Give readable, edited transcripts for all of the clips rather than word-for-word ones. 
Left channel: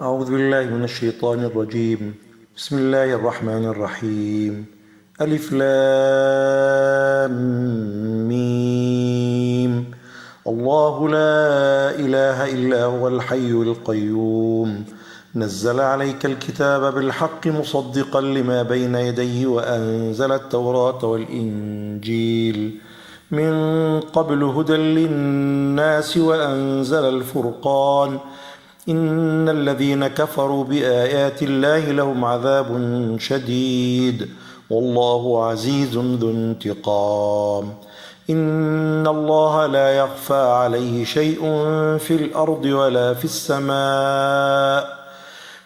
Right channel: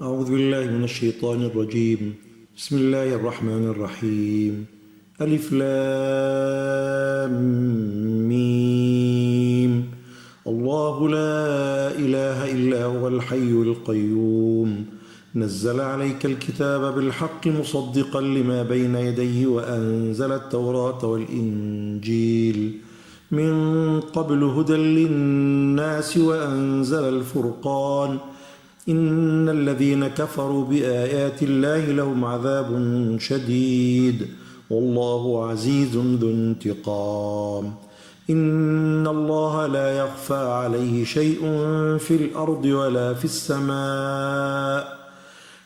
أعوذ بالله من الشيطان الرجيم. بسم الله الرحمن الرحيم. ألف لام ميم. الله لا إله إلا هو الحي القيوم نزل عليك الكتاب بالحق مصدقا لما بين يديه وأنزل التوراة والإنجيل من قبل هدى للناس وأنزل الفرقان إن الذين كفروا بآيات الله لهم عذاب شديد والله عزيز ذو انتقام. إن الله لا يخفى عليه شيء في الأرض ولا في السماء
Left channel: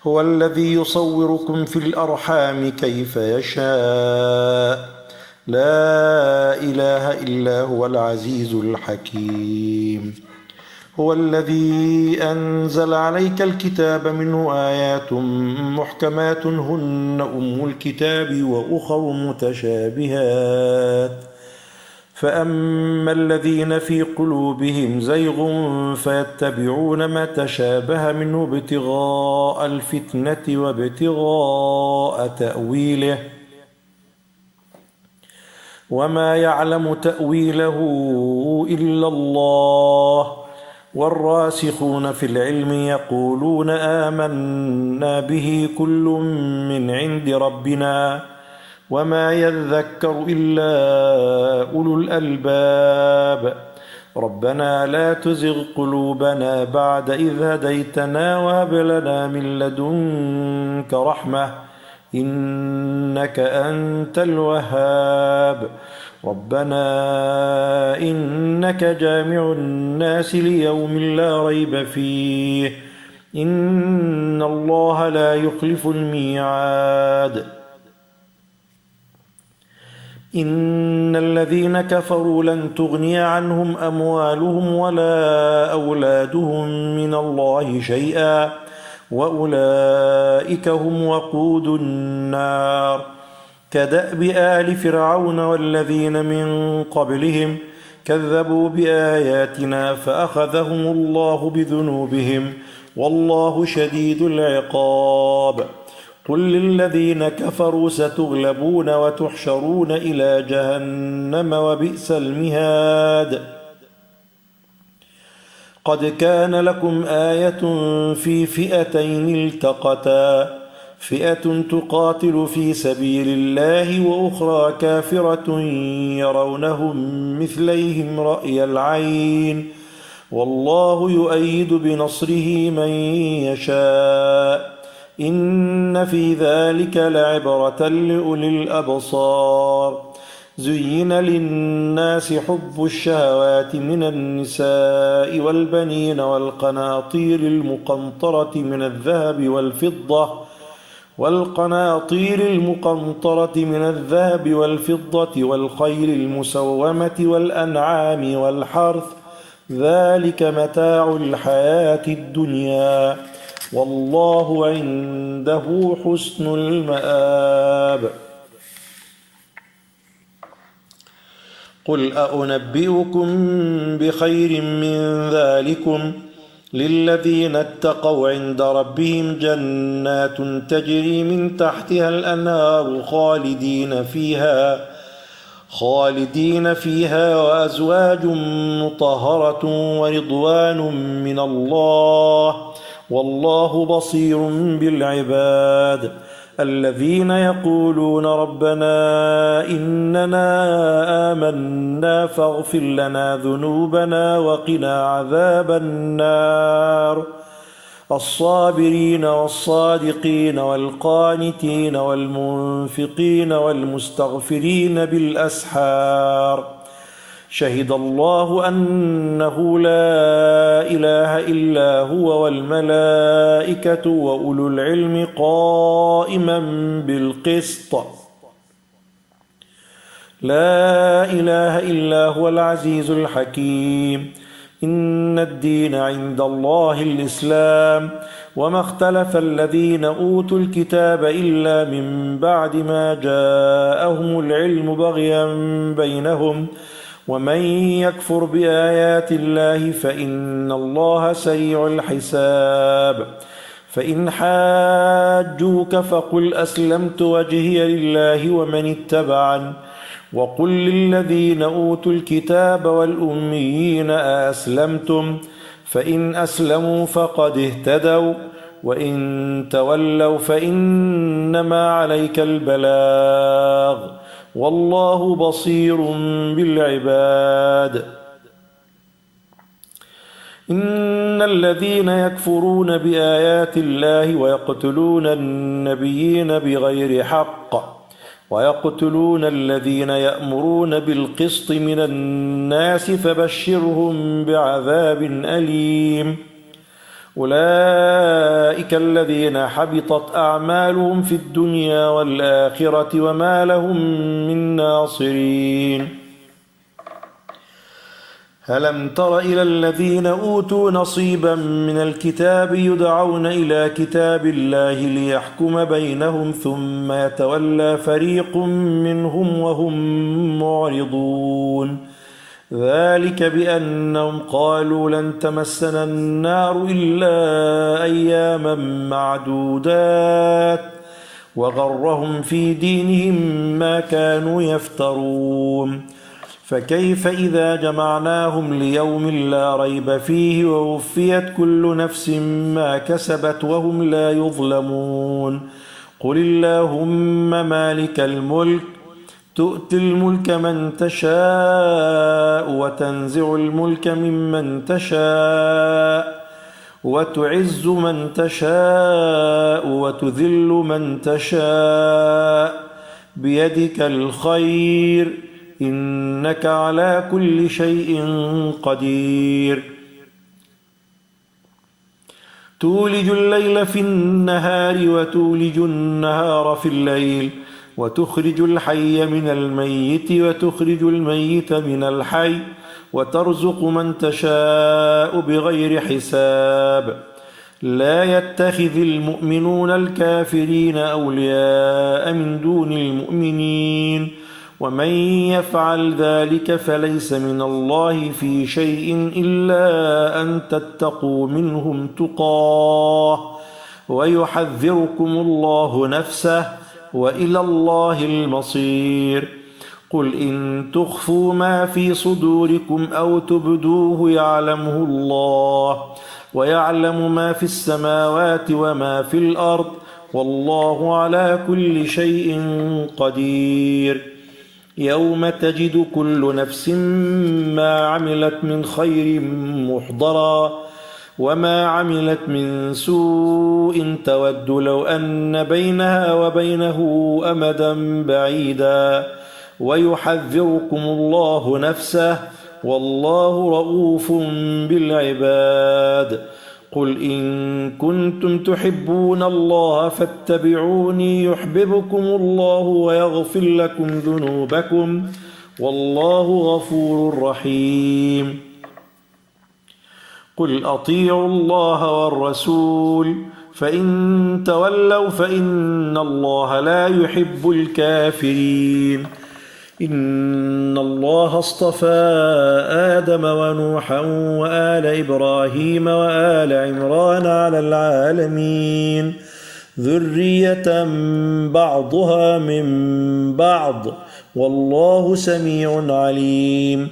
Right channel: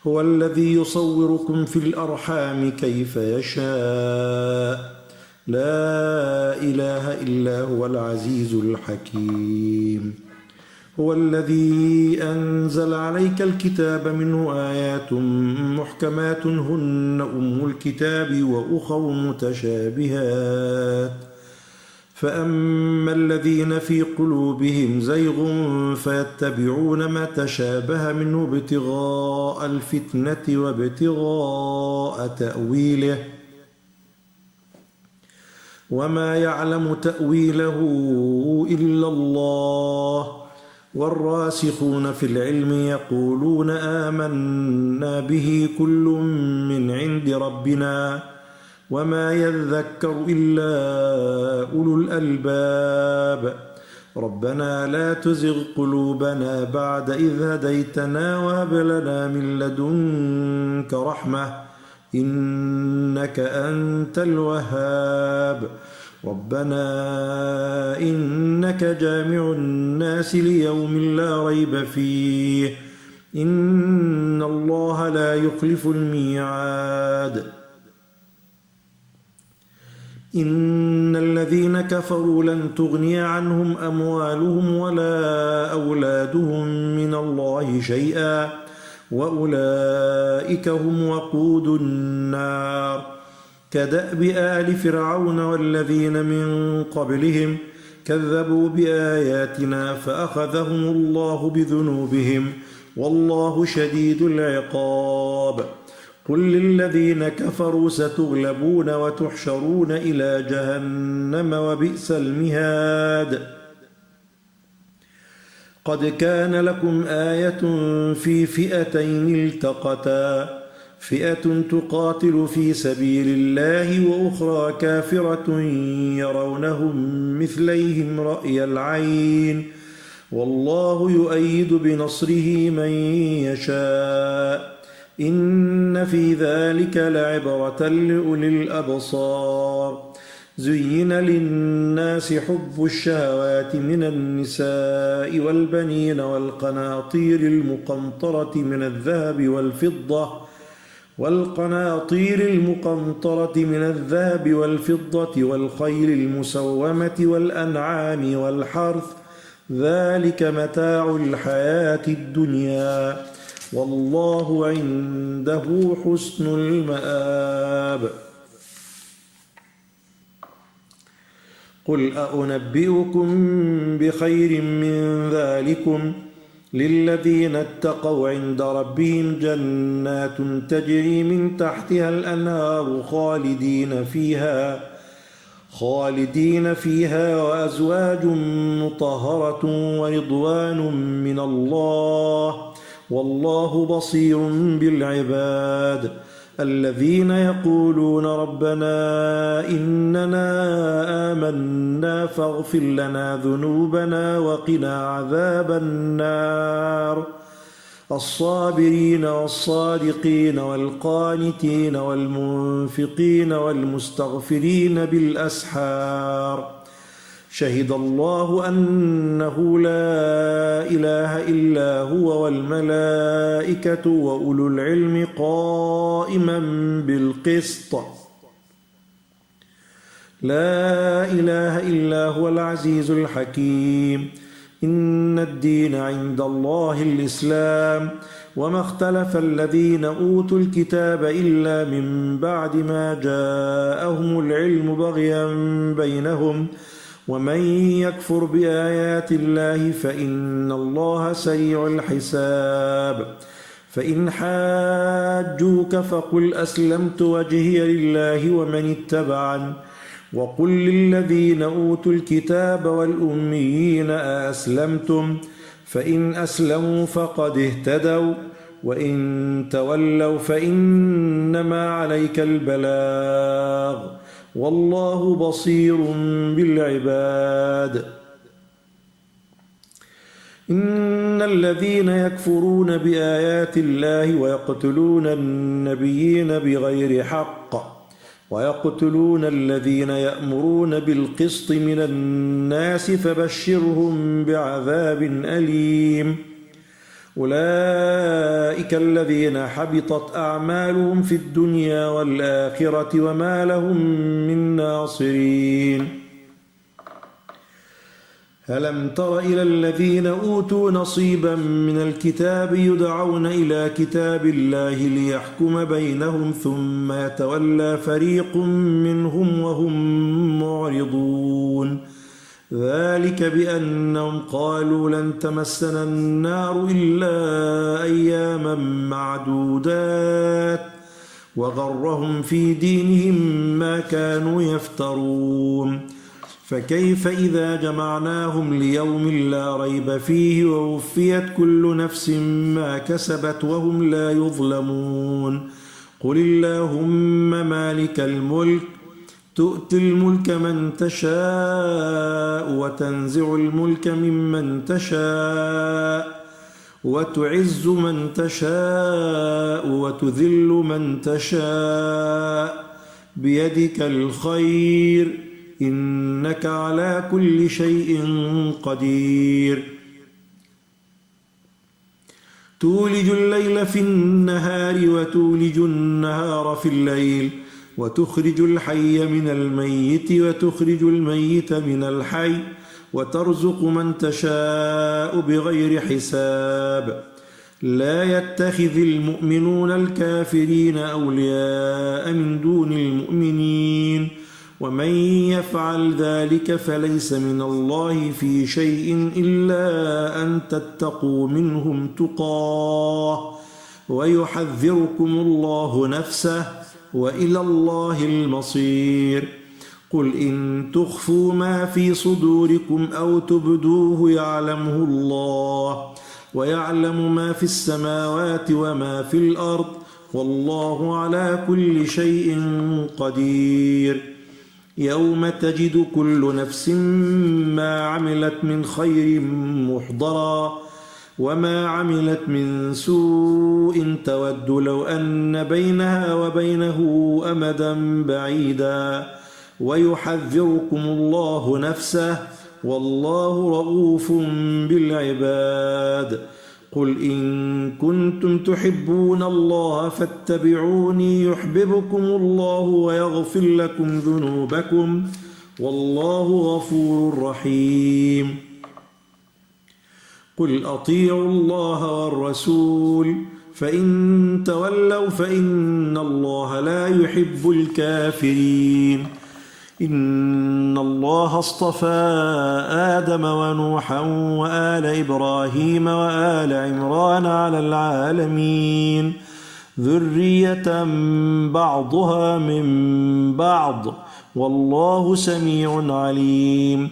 هو الذي يصوركم في الأرحام كيف يشاء لا إله إلا هو العزيز الحكيم. هو الذي أنزل عليك الكتاب منه آيات محكمات هن أم الكتاب وأخر متشابهات فأما الذين في قلوبهم زيغ فيتبعون ما تشابه منه ابتغاء الفتنة وابتغاء تأويله وما يعلم تأويله إلا الله والراسخون في العلم يقولون آمنا به كل من عند ربنا وما يذكر إلا أولو الألباب. ربنا لا تزغ قلوبنا بعد إذ هديتنا وهب لنا من لدنك رحمة إنك أنت الوهاب. ربنا إنك جامع الناس ليوم لا ريب فيه إن الله لا يخلف الميعاد. إن الذين كفروا لن تغني عنهم أموالهم ولا أولادهم من الله شيئا وأولئك هم وقود النار كدأب آل فرعون والذين من قبلهم كذبوا بآياتنا فأخذهم الله بذنوبهم والله شديد العقاب. قل للذين كفروا ستغلبون وتحشرون إلى جهنم وبئس المهاد. قد كان لكم آية في فئتين التقتا فئة تقاتل في سبيل الله وأخرى كافرة يرونهم مثليهم رأي العين والله يؤيد بنصره من يشاء إن في ذلك لعبرة لأولي الأبصار. زين للناس حب الشهوات من النساء والبنين والقناطير المقنطرة من الذهب والفضة والخيل المسومة والأنعام والحرث ذلك متاع الحياة الدنيا والله عنده حسن المآب. قل أنبئكم بخير من ذلكم للذين اتقوا عند ربهم جنات تجري من تحتها الأنهار خالدين فيها وأزواج مطهرة ورضوان من الله والله بصير بالعباد. الذين يقولون ربنا إننا آمنا فاغفر لنا ذنوبنا وقنا عذاب النار. الصابرين والصادقين والقانتين والمنفقين والمستغفرين بالأسحار. شهد الله أنه لا إله إلا هو والملائكة وأولو العلم قائما بالقسط. لا إله إلا هو العزيز الحكيم. إن الدين عند الله الإسلام وما اختلف الذين أوتوا الكتاب إلا من بعد ما جاءهم العلم بغيا بينهم ومن يكفر بآيات الله فإن الله سريع الحساب فإن حاجوك فقل أسلمت وجهي لله ومن اتبعني وقل للذين أوتوا الكتاب والأميين أأسلمتم فإن أسلموا فقد اهتدوا وإن تولوا فإنما عليك البلاغ والله بصير بالعباد. إن الذين يكفرون بآيات الله ويقتلون النبيين بغير حق ويقتلون الذين يأمرون بالقسط من الناس فبشرهم بعذاب أليم. أولئك الذين حبطت أعمالهم في الدنيا والآخرة وما لهم من ناصرين. ألم تر إلى الذين أوتوا نصيبا من الكتاب يدعون إلى كتاب الله ليحكم بينهم ثم يتولى فريق منهم وهم معرضون ذلك بأنهم قالوا لن تمسنا النار إلا أياما معدودات وغرهم في دينهم ما كانوا يفترون فكيف إذا جمعناهم ليوم لا ريب فيه ووفيت كل نفس ما كسبت وهم لا يظلمون. قل اللهم مالك الملك تؤتي الملك من تشاء وتنزع الملك ممن تشاء وتعز من تشاء وتذل من تشاء بيدك الخير إنك على كل شيء قدير. تولج الليل في النهار وتولج النهار في الليل وتخرج الحي من الميت وتخرج الميت من الحي وترزق من تشاء بغير حساب. لا يتخذ المؤمنون الكافرين أولياء من دون المؤمنين ومن يفعل ذلك فليس من الله في شيء إلا أن تتقوا منهم تقاه ويحذركم الله نفسه وإلى الله المصير. قل إن تخفوا ما في صدوركم أو تبدوه يعلمه الله ويعلم ما في السماوات وما في الأرض والله على كل شيء قدير. يوم تجد كل نفس ما عملت من خير محضرا وما عملت من سوء تود لو أن بينها وبينه أمدا بعيدا ويحذركم الله نفسه والله رؤوف بالعباد. قل إن كنتم تحبون الله فاتبعوني يحببكم الله ويغفر لكم ذنوبكم والله غفور رحيم. قل أطيعوا الله والرسول فإن تولوا فإن الله لا يحب الكافرين. إن الله اصطفى آدم ونوحا وآل إبراهيم وآل عمران على العالمين ذرية بعضها من بعض والله سميع عليم.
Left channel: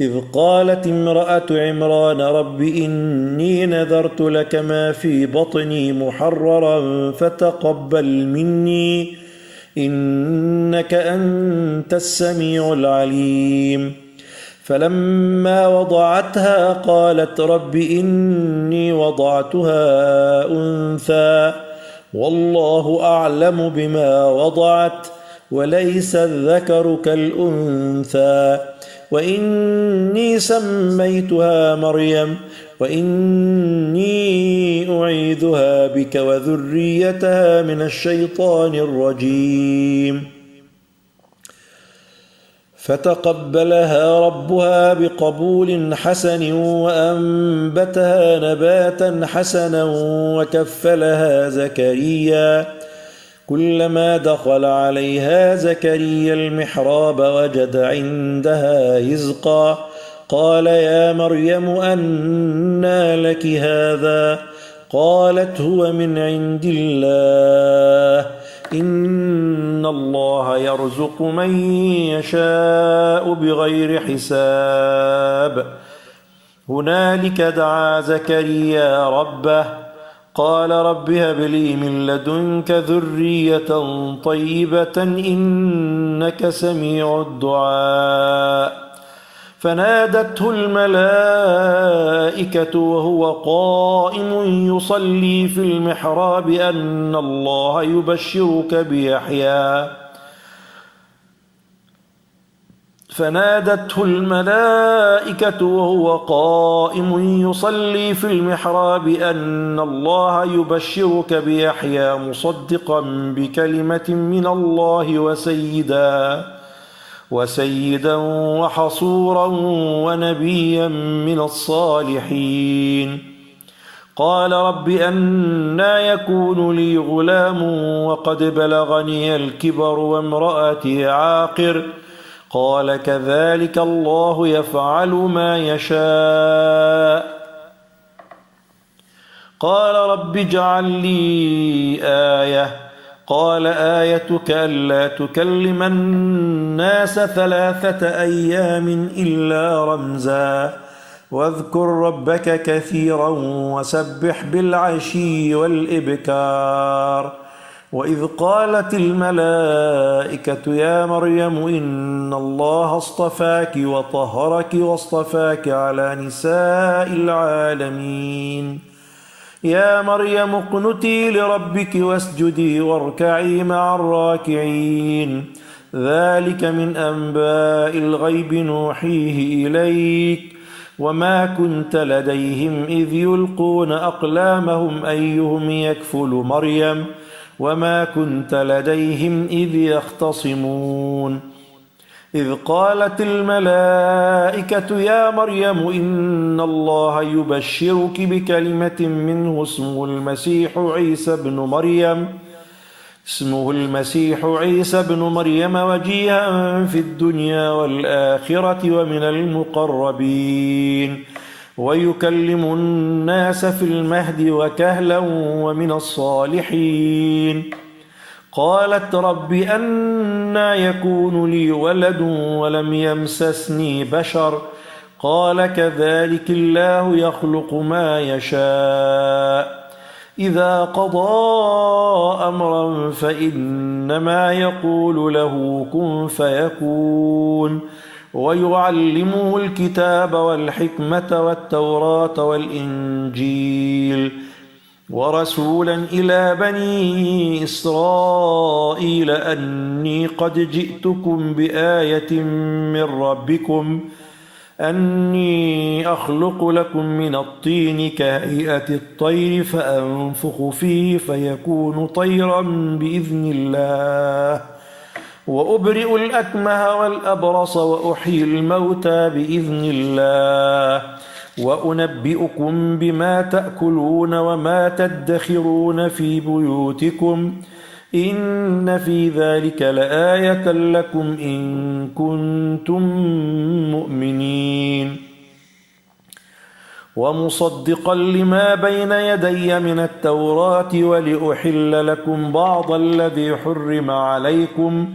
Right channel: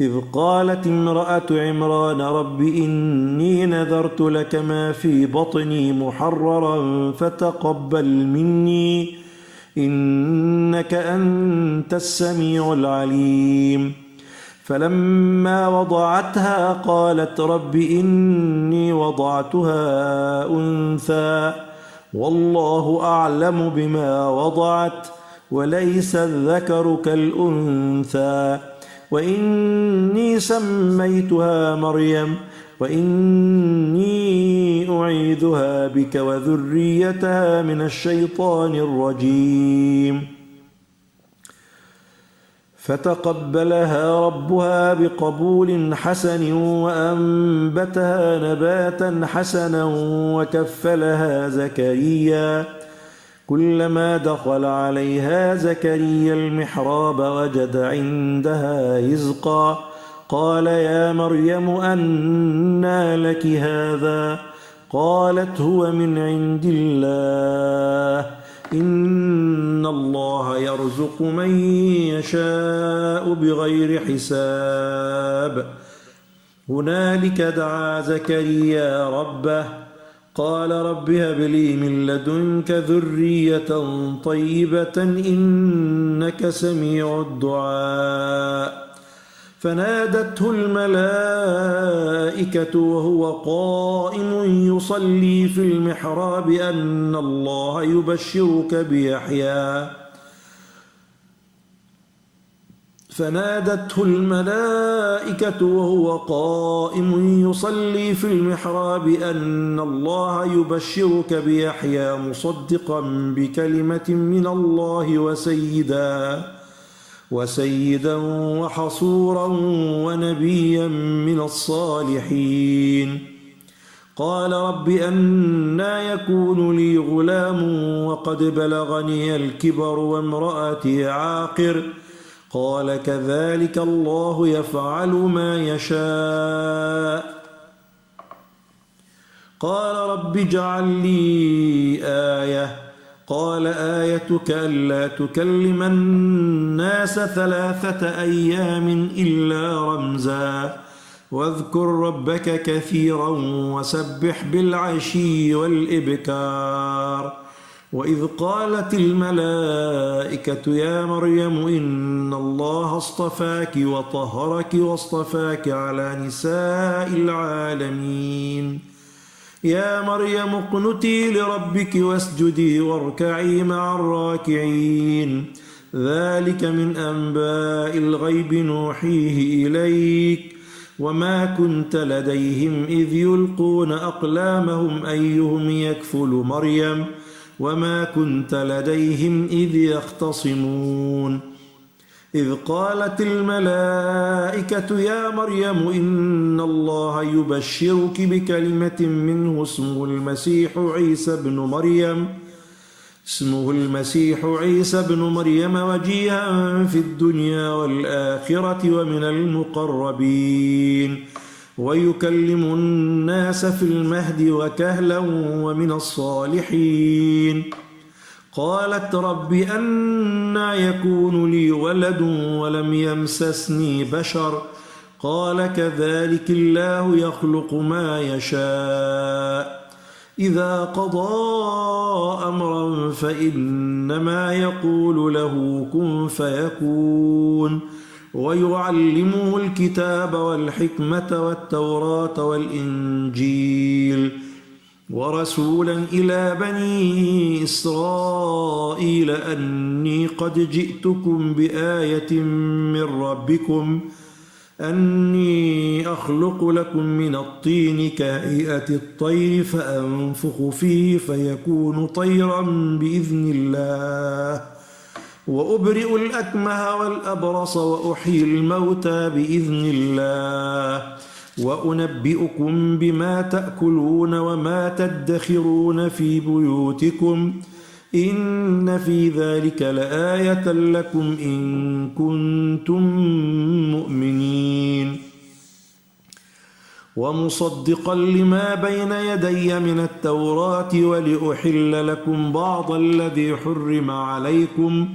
إذ قالت امرأة عمران رب إني نذرت لك ما في بطني محررا فتقبل مني إنك أنت السميع العليم. فلما وضعتها قالت رب إني وضعتها أنثى والله أعلم بما وضعت وليس الذكر كالأنثى وإني سميتها مريم وإني أعيذها بك وذريتها من الشيطان الرجيم. فتقبلها ربها بقبول حسن وأنبتها نباتا حسنا وكفلها زكريا. كلما دخل عليها زكريا المحراب وجد عندها رزقا قال يا مريم أنى لك هذا قالت هو من عند الله إن الله يرزق من يشاء بغير حساب. هنالك دعا زكريا ربه قال رب هب لي من لدنك ذرية طيبة إنك سميع الدعاء. فنادته الملائكة وهو قائم يصلي في المحراب أن الله يبشرك بيحيى فنادته الملائكة وهو قائم يصلي في المحراب أن الله يبشرك بيحيى مصدقا بكلمة من الله وسيدا وحصورا ونبيا من الصالحين. قال رب أنى يكون لي غلام وقد بلغني الكبر وامرأتي عاقر قال كذلك الله يفعل ما يشاء. قال رب اجعل لي آية قال آيتك ألا تكلم الناس 3 أيام إلا رمزا واذكر ربك كثيرا وسبح بالعشي والإبكار. وإذ قالت الملائكة يا مريم إن الله اصطفاك وطهرك واصطفاك على نساء العالمين. يا مريم اقنتي لربك واسجدي واركعي مع الراكعين. ذلك من أنباء الغيب نوحيه إليك وما كنت لديهم إذ يلقون أقلامهم أيهم يكفل مريم وما كنت لديهم إذ يختصمون. إذ قالت الملائكة يا مريم إن الله يبشرك بكلمة منه اسمه المسيح عيسى بن مريم وجيها في الدنيا والآخرة ومن المقربين ويكلم الناس في المهد وكهلا ومن الصالحين. قالت رب أنى يكون لي ولد ولم يمسسني بشر قال كذلك الله يخلق ما يشاء. إذا قضى أمرا فإنما يقول له كن فيكون. ويعلمه الكتاب والحكمة والتوراة والإنجيل ورسولا إلى بني إسرائيل أني قد جئتكم بآية من ربكم أني أخلق لكم من الطين كهيئة الطير فأنفخ فيه فيكون طيرا بإذن الله وأبرئ الأكمه والأبرص وأحيي الموتى بإذن الله وأنبئكم بما تأكلون وما تدخرون في بيوتكم إن في ذلك لآية لكم إن كنتم مؤمنين. ومصدقا لما بين يدي من التوراة ولأحل لكم بعض الذي حرم عليكم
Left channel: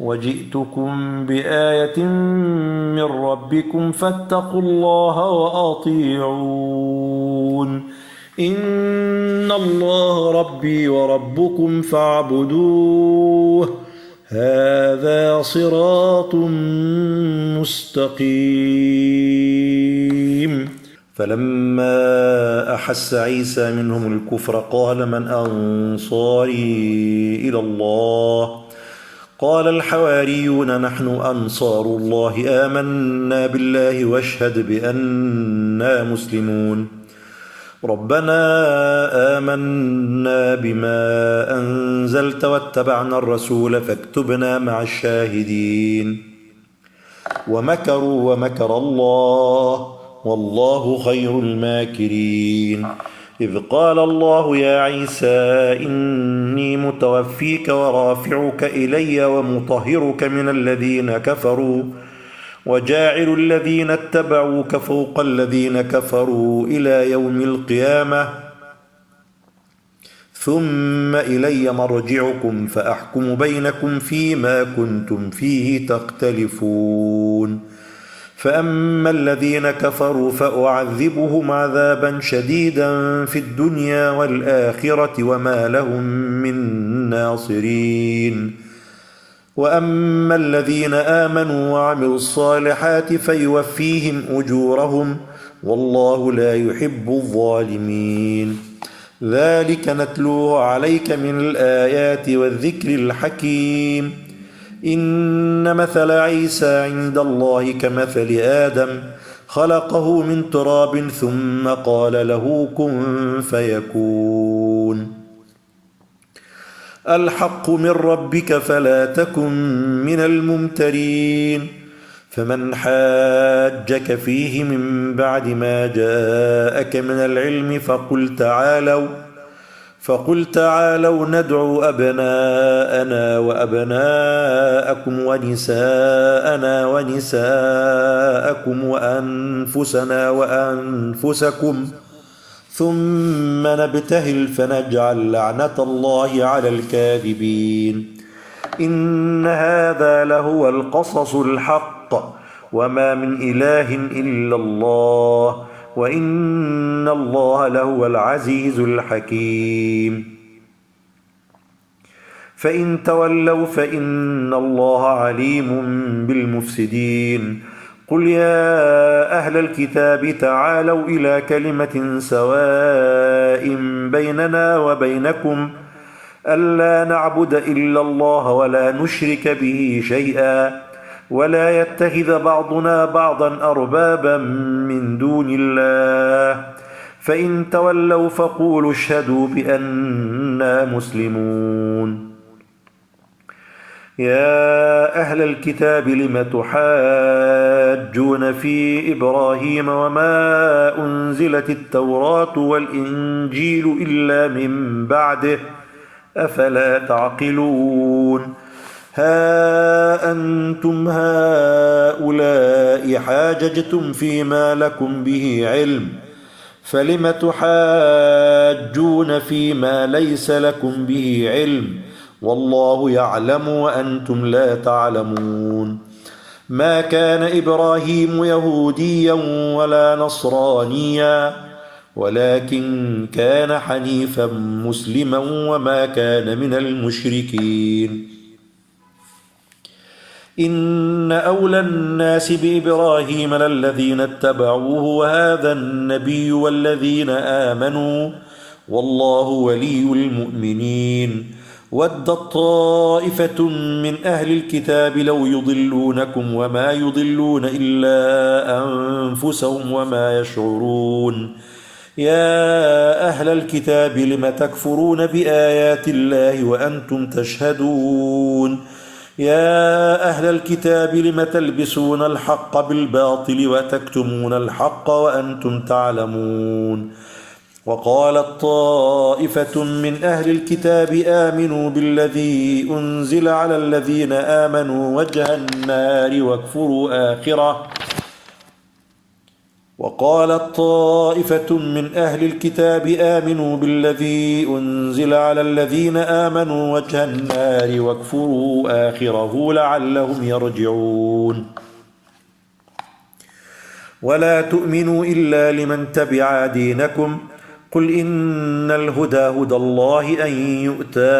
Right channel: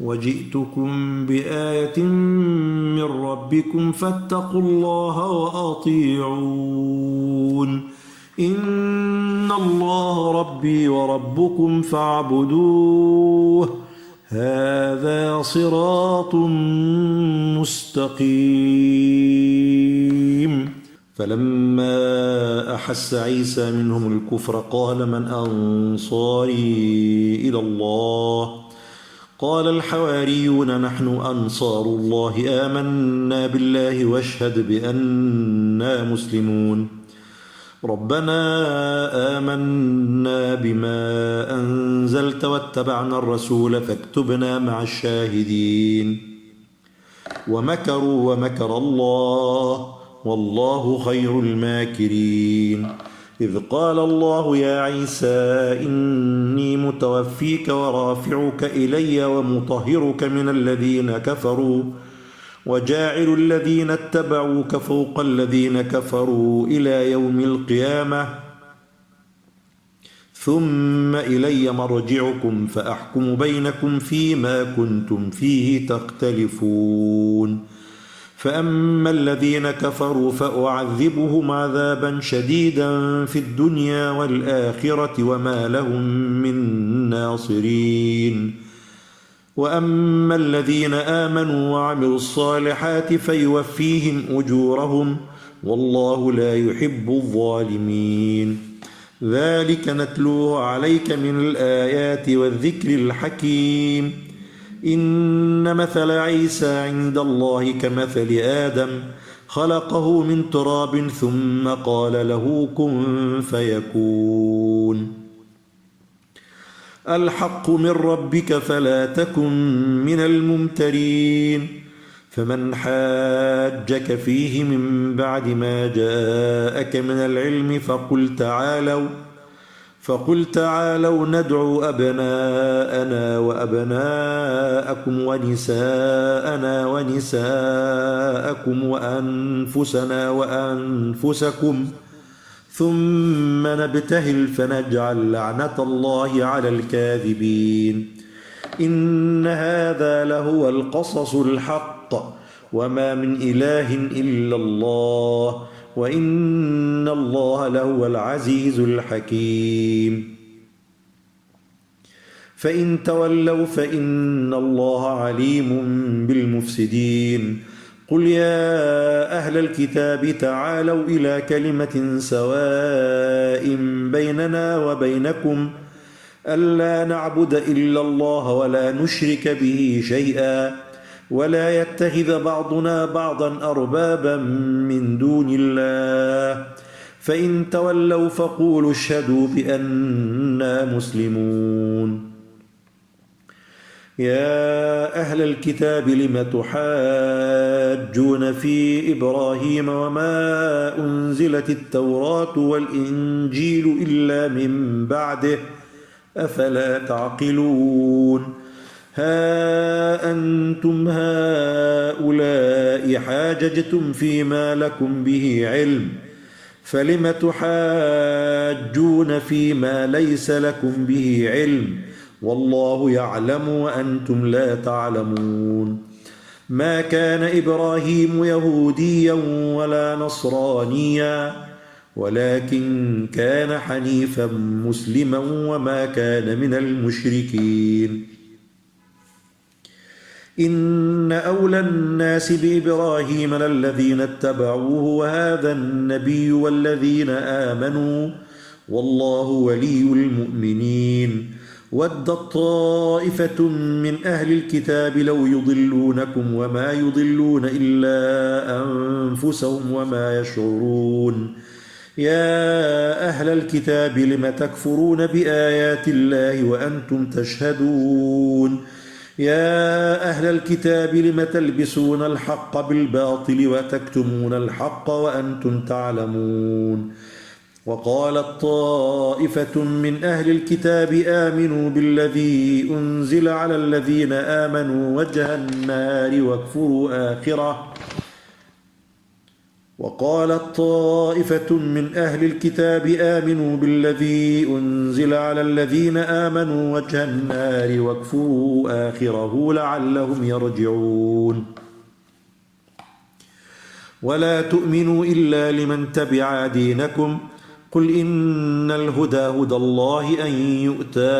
وجئتكم بآية من ربكم فاتقوا الله وأطيعون. إن الله ربي وربكم فاعبدوه هذا صراط مستقيم. فلما أحس عيسى منهم الكفر قال من أنصاري إلى الله قال الحواريون نحن أنصار الله آمنا بالله واشهد بأننا مسلمون. ربنا آمنا بما أنزلت واتبعنا الرسول فاكتبنا مع الشاهدين. ومكروا ومكر الله والله خير الماكرين. إذ قال الله يا عيسى إني متوفيك ورافعك إلي ومطهرك من الذين كفروا وجاعل الذين اتبعوك فوق الذين كفروا إلى يوم القيامة ثم إلي مرجعكم فأحكم بينكم فيما كنتم فيه تختلفون فأما الذين كفروا فأعذبهم عذابا شديدا في الدنيا والآخرة وما لهم من ناصرين وأما الذين آمنوا وعملوا الصالحات فيوفيهم أجورهم والله لا يحب الظالمين ذلك نتلوه عليك من الآيات والذكر الحكيم إن مثل عيسى عند الله كمثل آدم خلقه من تراب ثم قال له كن فيكون الحق من ربك فلا تكن من الممترين فمن حاجك فيه من بعد ما جاءك من العلم فقل تعالوا ندعو أبناءنا وأبناءكم ونساءنا ونساءكم وأنفسنا وأنفسكم ثم نبتهل فنجعل لعنة الله على الكاذبين إن هذا لهو القصص الحق وما من إله إلا الله وإن الله لهو العزيز الحكيم فإن تولوا فإن الله عليم بالمفسدين قل يا أهل الكتاب تعالوا إلى كلمة سواء بيننا وبينكم ألا نعبد إلا الله ولا نشرك به شيئا ولا يتخذ بعضنا بعضا أربابا من دون الله فإن تولوا فقولوا اشهدوا بأننا مسلمون يا أهل الكتاب لم تحاجون في إبراهيم وما أنزلت التوراة والإنجيل إلا من بعده أفلا تعقلون ها أنتم هؤلاء حاججتم فيما لكم به علم فلم تحاجون فيما ليس لكم به علم والله يعلم وأنتم لا تعلمون ما كان إبراهيم يهوديا ولا نصرانيا ولكن كان حنيفا مسلما وما كان من المشركين إن أولى الناس بإبراهيم للذين اتبعوه وهذا النبي والذين آمنوا والله ولي المؤمنين ودت طائفة من أهل الكتاب لو يضلونكم وما يضلون إلا أنفسهم وما يشعرون يا أهل الكتاب لم تكفرون بآيات الله وأنتم تشهدون يا أهل الكتاب لم تلبسون الحق بالباطل وتكتمون الحق وأنتم تعلمون وقالت طائفة من أهل الكتاب آمنوا بالذي أنزل على الذين آمنوا وجه النار واكفروا آخره وقالت طائفة من أهل الكتاب آمنوا بالذي أنزل على الذين آمنوا وجه النار واكفروا آخره لعلهم يرجعون ولا تؤمنوا إلا لمن تبع دينكم قل إن الهدى هدى الله أن يؤتى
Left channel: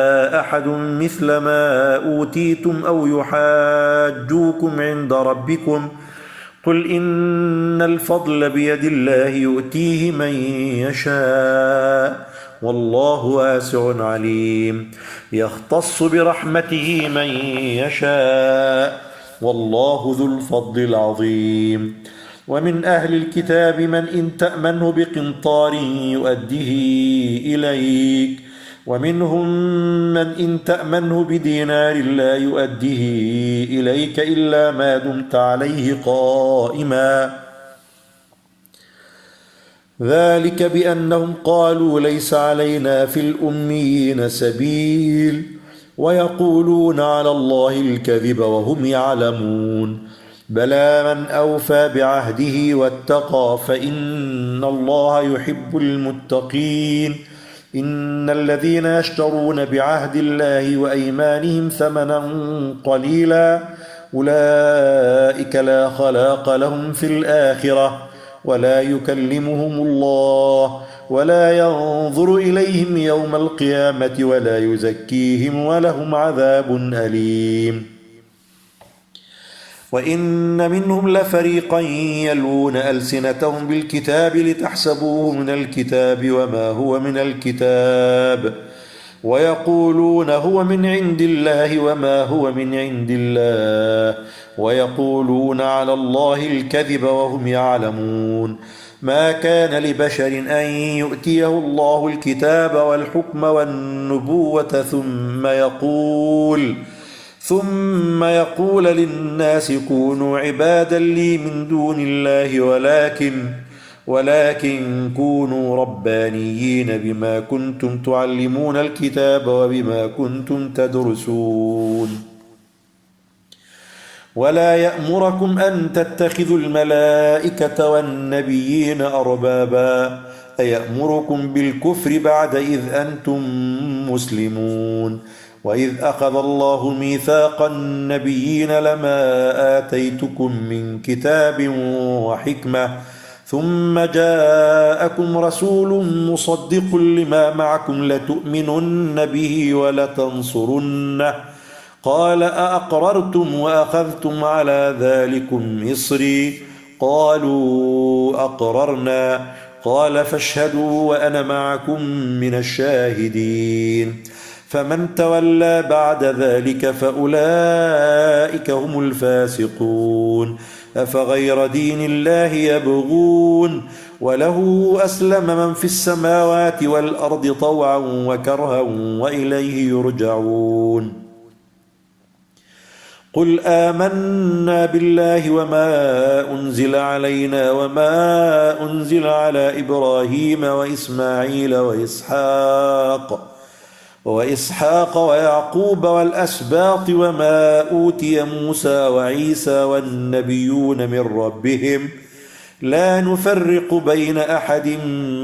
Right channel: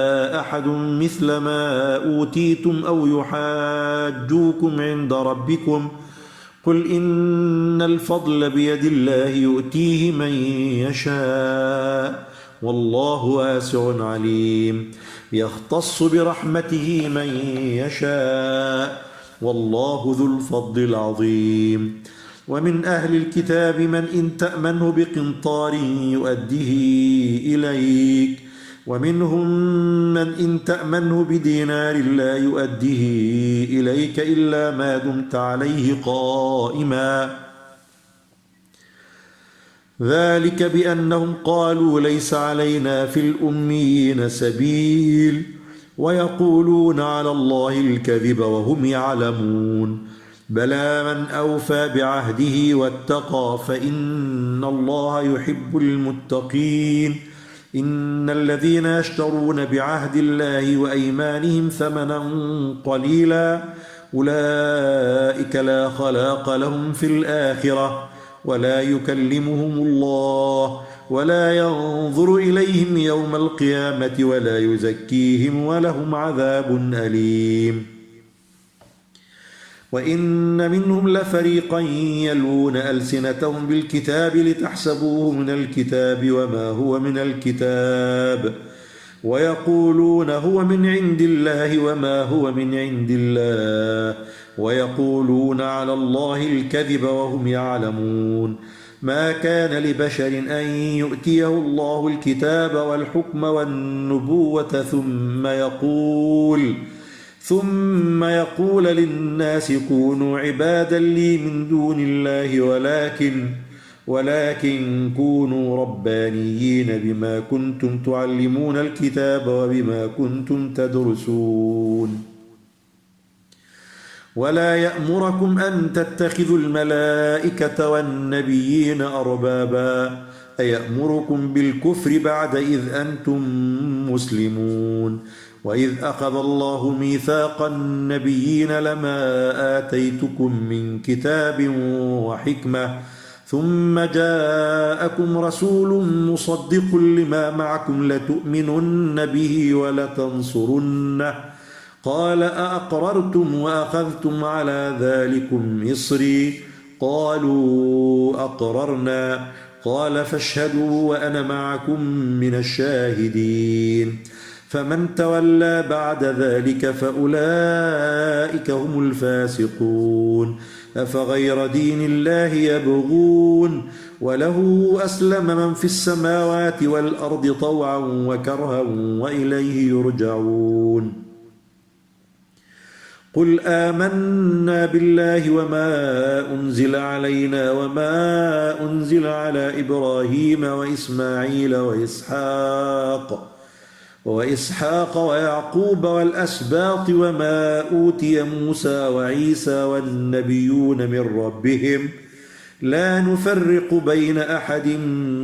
أحد مثل ما أوتيتم أو يحاجوكم عند ربكم قل إن الفضل بيد الله يؤتيه من يشاء والله واسع عليم يختص برحمته من يشاء والله ذو الفضل العظيم ومن أهل الكتاب من إن تأمنه بقنطار يؤديه إليك ومنهم من إن تأمنه بدينار لا يؤديه إليك إلا ما دمت عليه قائما ذلك بأنهم قالوا ليس علينا في الأميين سبيل ويقولون على الله الكذب وهم يعلمون بلى من أوفى بعهده واتقى فإن الله يحب المتقين إن الذين يشترون بعهد الله وأيمانهم ثمنا قليلا أولئك لا خلاق لهم في الآخرة ولا يكلمهم الله ولا ينظر إليهم يوم القيامة ولا يزكيهم ولهم عذاب أليم. وإن منهم لفريقا يلوون ألسنتهم بالكتاب لتحسبوه من الكتاب وما هو من الكتاب ويقولون هو من عند الله وما هو من عند الله ويقولون على الله الكذب وهم يعلمون. ما كان لبشر أن يؤتيه الله الكتاب والحكم والنبوة ثم يقول للناس كونوا عبادا لي من دون الله ولكن كونوا ربانيين بما كنتم تعلمون الكتاب وبما كنتم تدرسون. ولا يأمركم أن تتخذوا الملائكة والنبيين أربابا أيأمركم بالكفر بعد إذ أنتم مسلمون. وإذ أخذ الله ميثاق النبيين لما آتيتكم من كتاب وحكمة ثم جاءكم رسول مصدق لما معكم لتؤمنن به ولتنصرنه قال أأقررتم وأخذتم على ذلكم إصري قالوا أقررنا قال فاشهدوا وأنا معكم من الشاهدين. فمن تولى بعد ذلك فأولئك هم الفاسقون. أفغير دين الله يبغون وله أسلم من في السماوات والأرض طوعا وكرها وإليه يرجعون. قل آمنا بالله وما أنزل علينا وما أنزل على إبراهيم وإسماعيل وإسحاق ويعقوب والأسباط وما أوتي موسى وعيسى والنبيون من ربهم لا نفرق بين أحد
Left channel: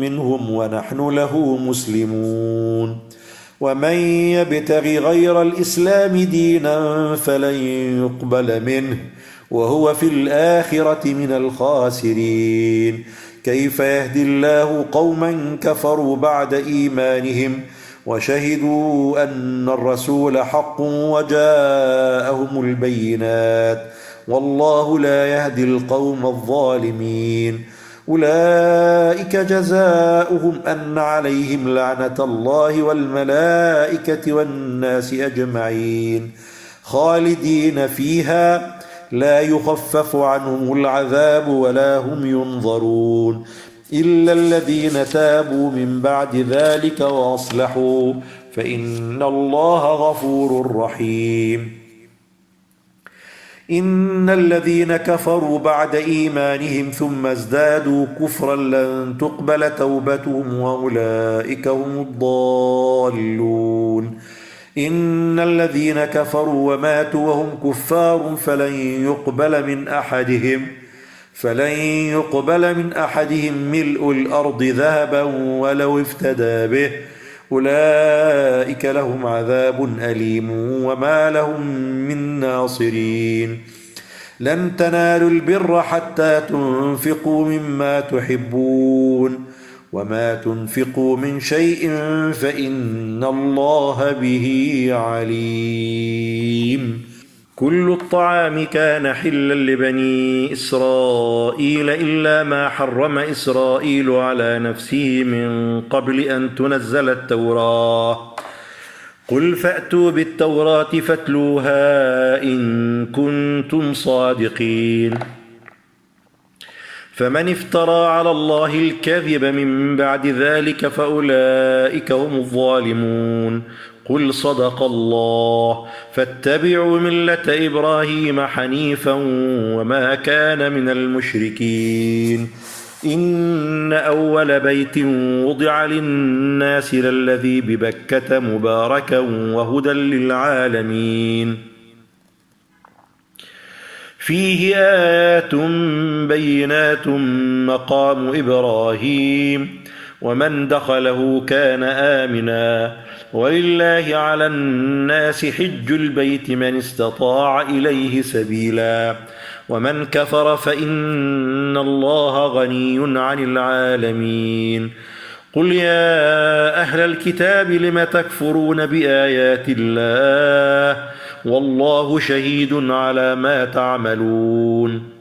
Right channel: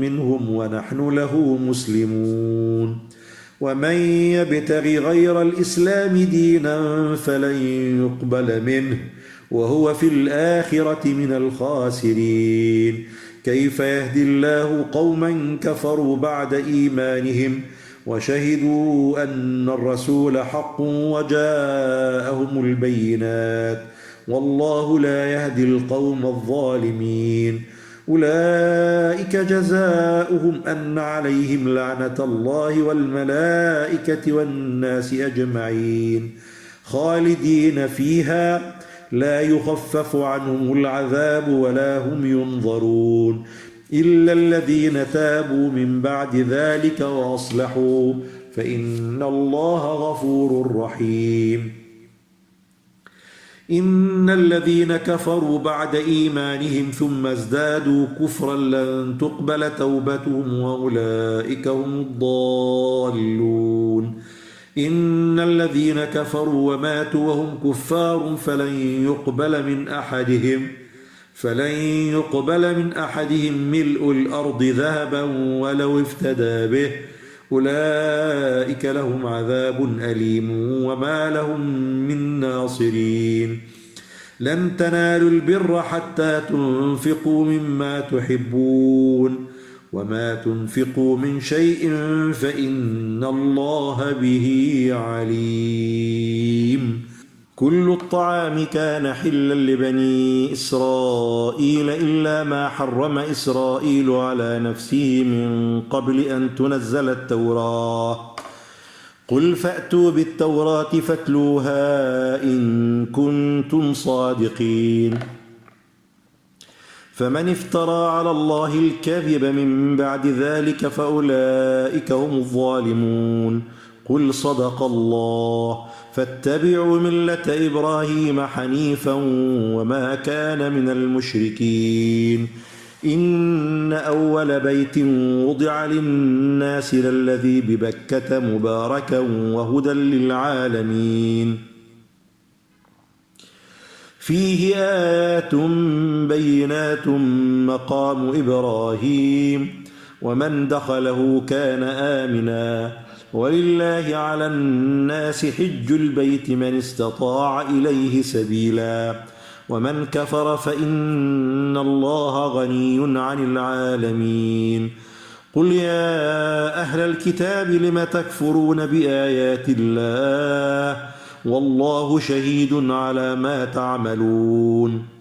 منهم ونحن له مسلمون. ومن يبتغ غير الإسلام دينا فلن يقبل منه وهو في الآخرة من الخاسرين. كيف يهدي الله قوما كفروا بعد إيمانهم وشهدوا أن الرسول حق وجاءهم البينات والله لا يهدي القوم الظالمين. أولئك جزاؤهم أن عليهم لعنة الله والملائكة والناس أجمعين خالدين فيها لا يخفف عنهم العذاب ولا هم ينظرون إلا الذين تابوا من بعد ذلك وأصلحوا فإن الله غفور رحيم. إن الذين كفروا بعد إيمانهم ثم ازدادوا كفرا لن تقبل توبتهم وأولئك هم الضالون. إن الذين كفروا وماتوا وهم كفار فلن يقبل من أحدهم ملء الأرض ذهبا ولو افتدى به أولئك لهم عذاب أليم وما لهم من ناصرين. لن تنالوا البر حتى تنفقوا مما تحبون وما تنفقوا من شيء فإن الله به عليم. كل الطعام كان حلا لبني إسرائيل إلا ما حرم إسرائيل على نفسه من قبل أن تنزل التوراة. قل فأتوا بالتوراة فاتلوها إن كنتم صادقين. فمن افترى على الله الكذب من بعد ذلك فأولئك هم الظالمون. قل صدق الله فاتبعوا ملة إبراهيم حنيفا وما كان من المشركين. إن أول بيت وضع للناس للذي ببكة مباركا وهدى للعالمين فيه آيات بينات مقام إبراهيم ومن دخله كان آمنا ولله على الناس حج البيت من استطاع إليه سبيلا ومن كفر فإن الله غني عن العالمين قل يا أهل الكتاب لم تكفرون بآيات الله والله شهيد على ما تعملون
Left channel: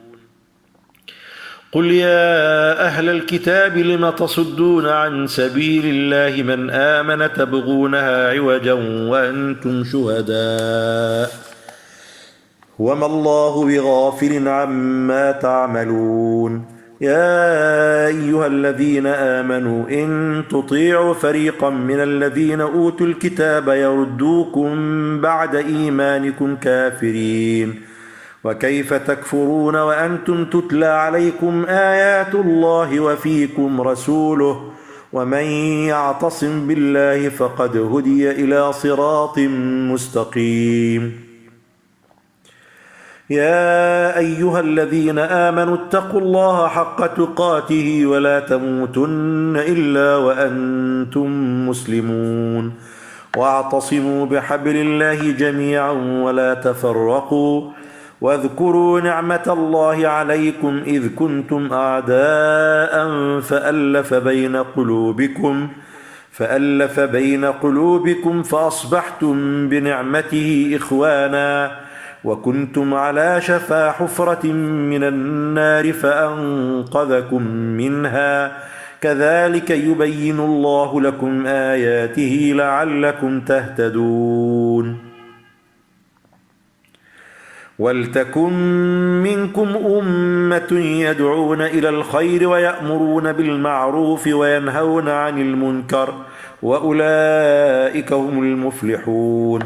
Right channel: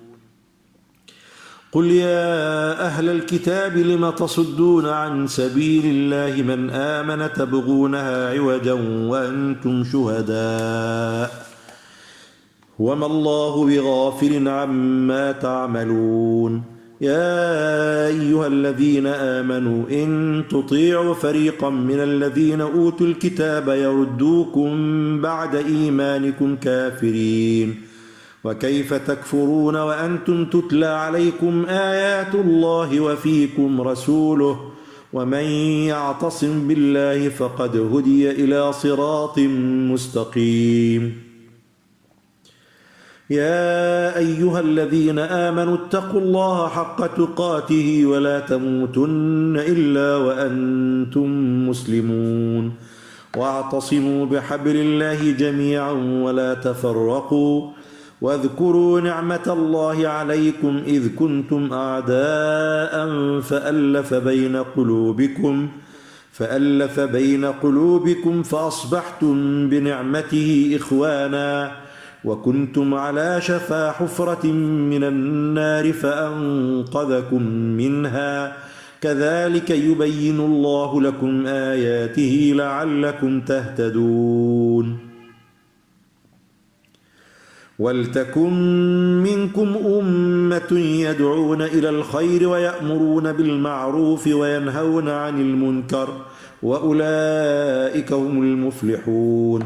قل يا أهل الكتاب لم تصدون عن سبيل الله من آمن تبغونها عوجا وأنتم شهداء وما الله بغافل عما تعملون يا أيها الذين آمنوا إن تطيعوا فريقا من الذين أوتوا الكتاب يردوكم بعد إيمانكم كافرين وكيف تكفرون وأنتم تتلى عليكم آيات الله وفيكم رسوله ومن يعتصم بالله فقد هدي إلى صراط مستقيم يا أيها الذين آمنوا اتقوا الله حق تقاته ولا تموتن إلا وأنتم مسلمون واعتصموا بحبل الله جميعا ولا تفرقوا واذكروا نعمة الله عليكم إذ كنتم أعداء فألف بين قلوبكم فأصبحتم بنعمته إخوانا وكنتم على شفا حفرة من النار فأنقذكم منها كذلك يبين الله لكم آياته لعلكم تهتدون ولتكن منكم أمة يدعون إلى الخير ويأمرون بالمعروف وينهون عن المنكر وأولئك هم المفلحون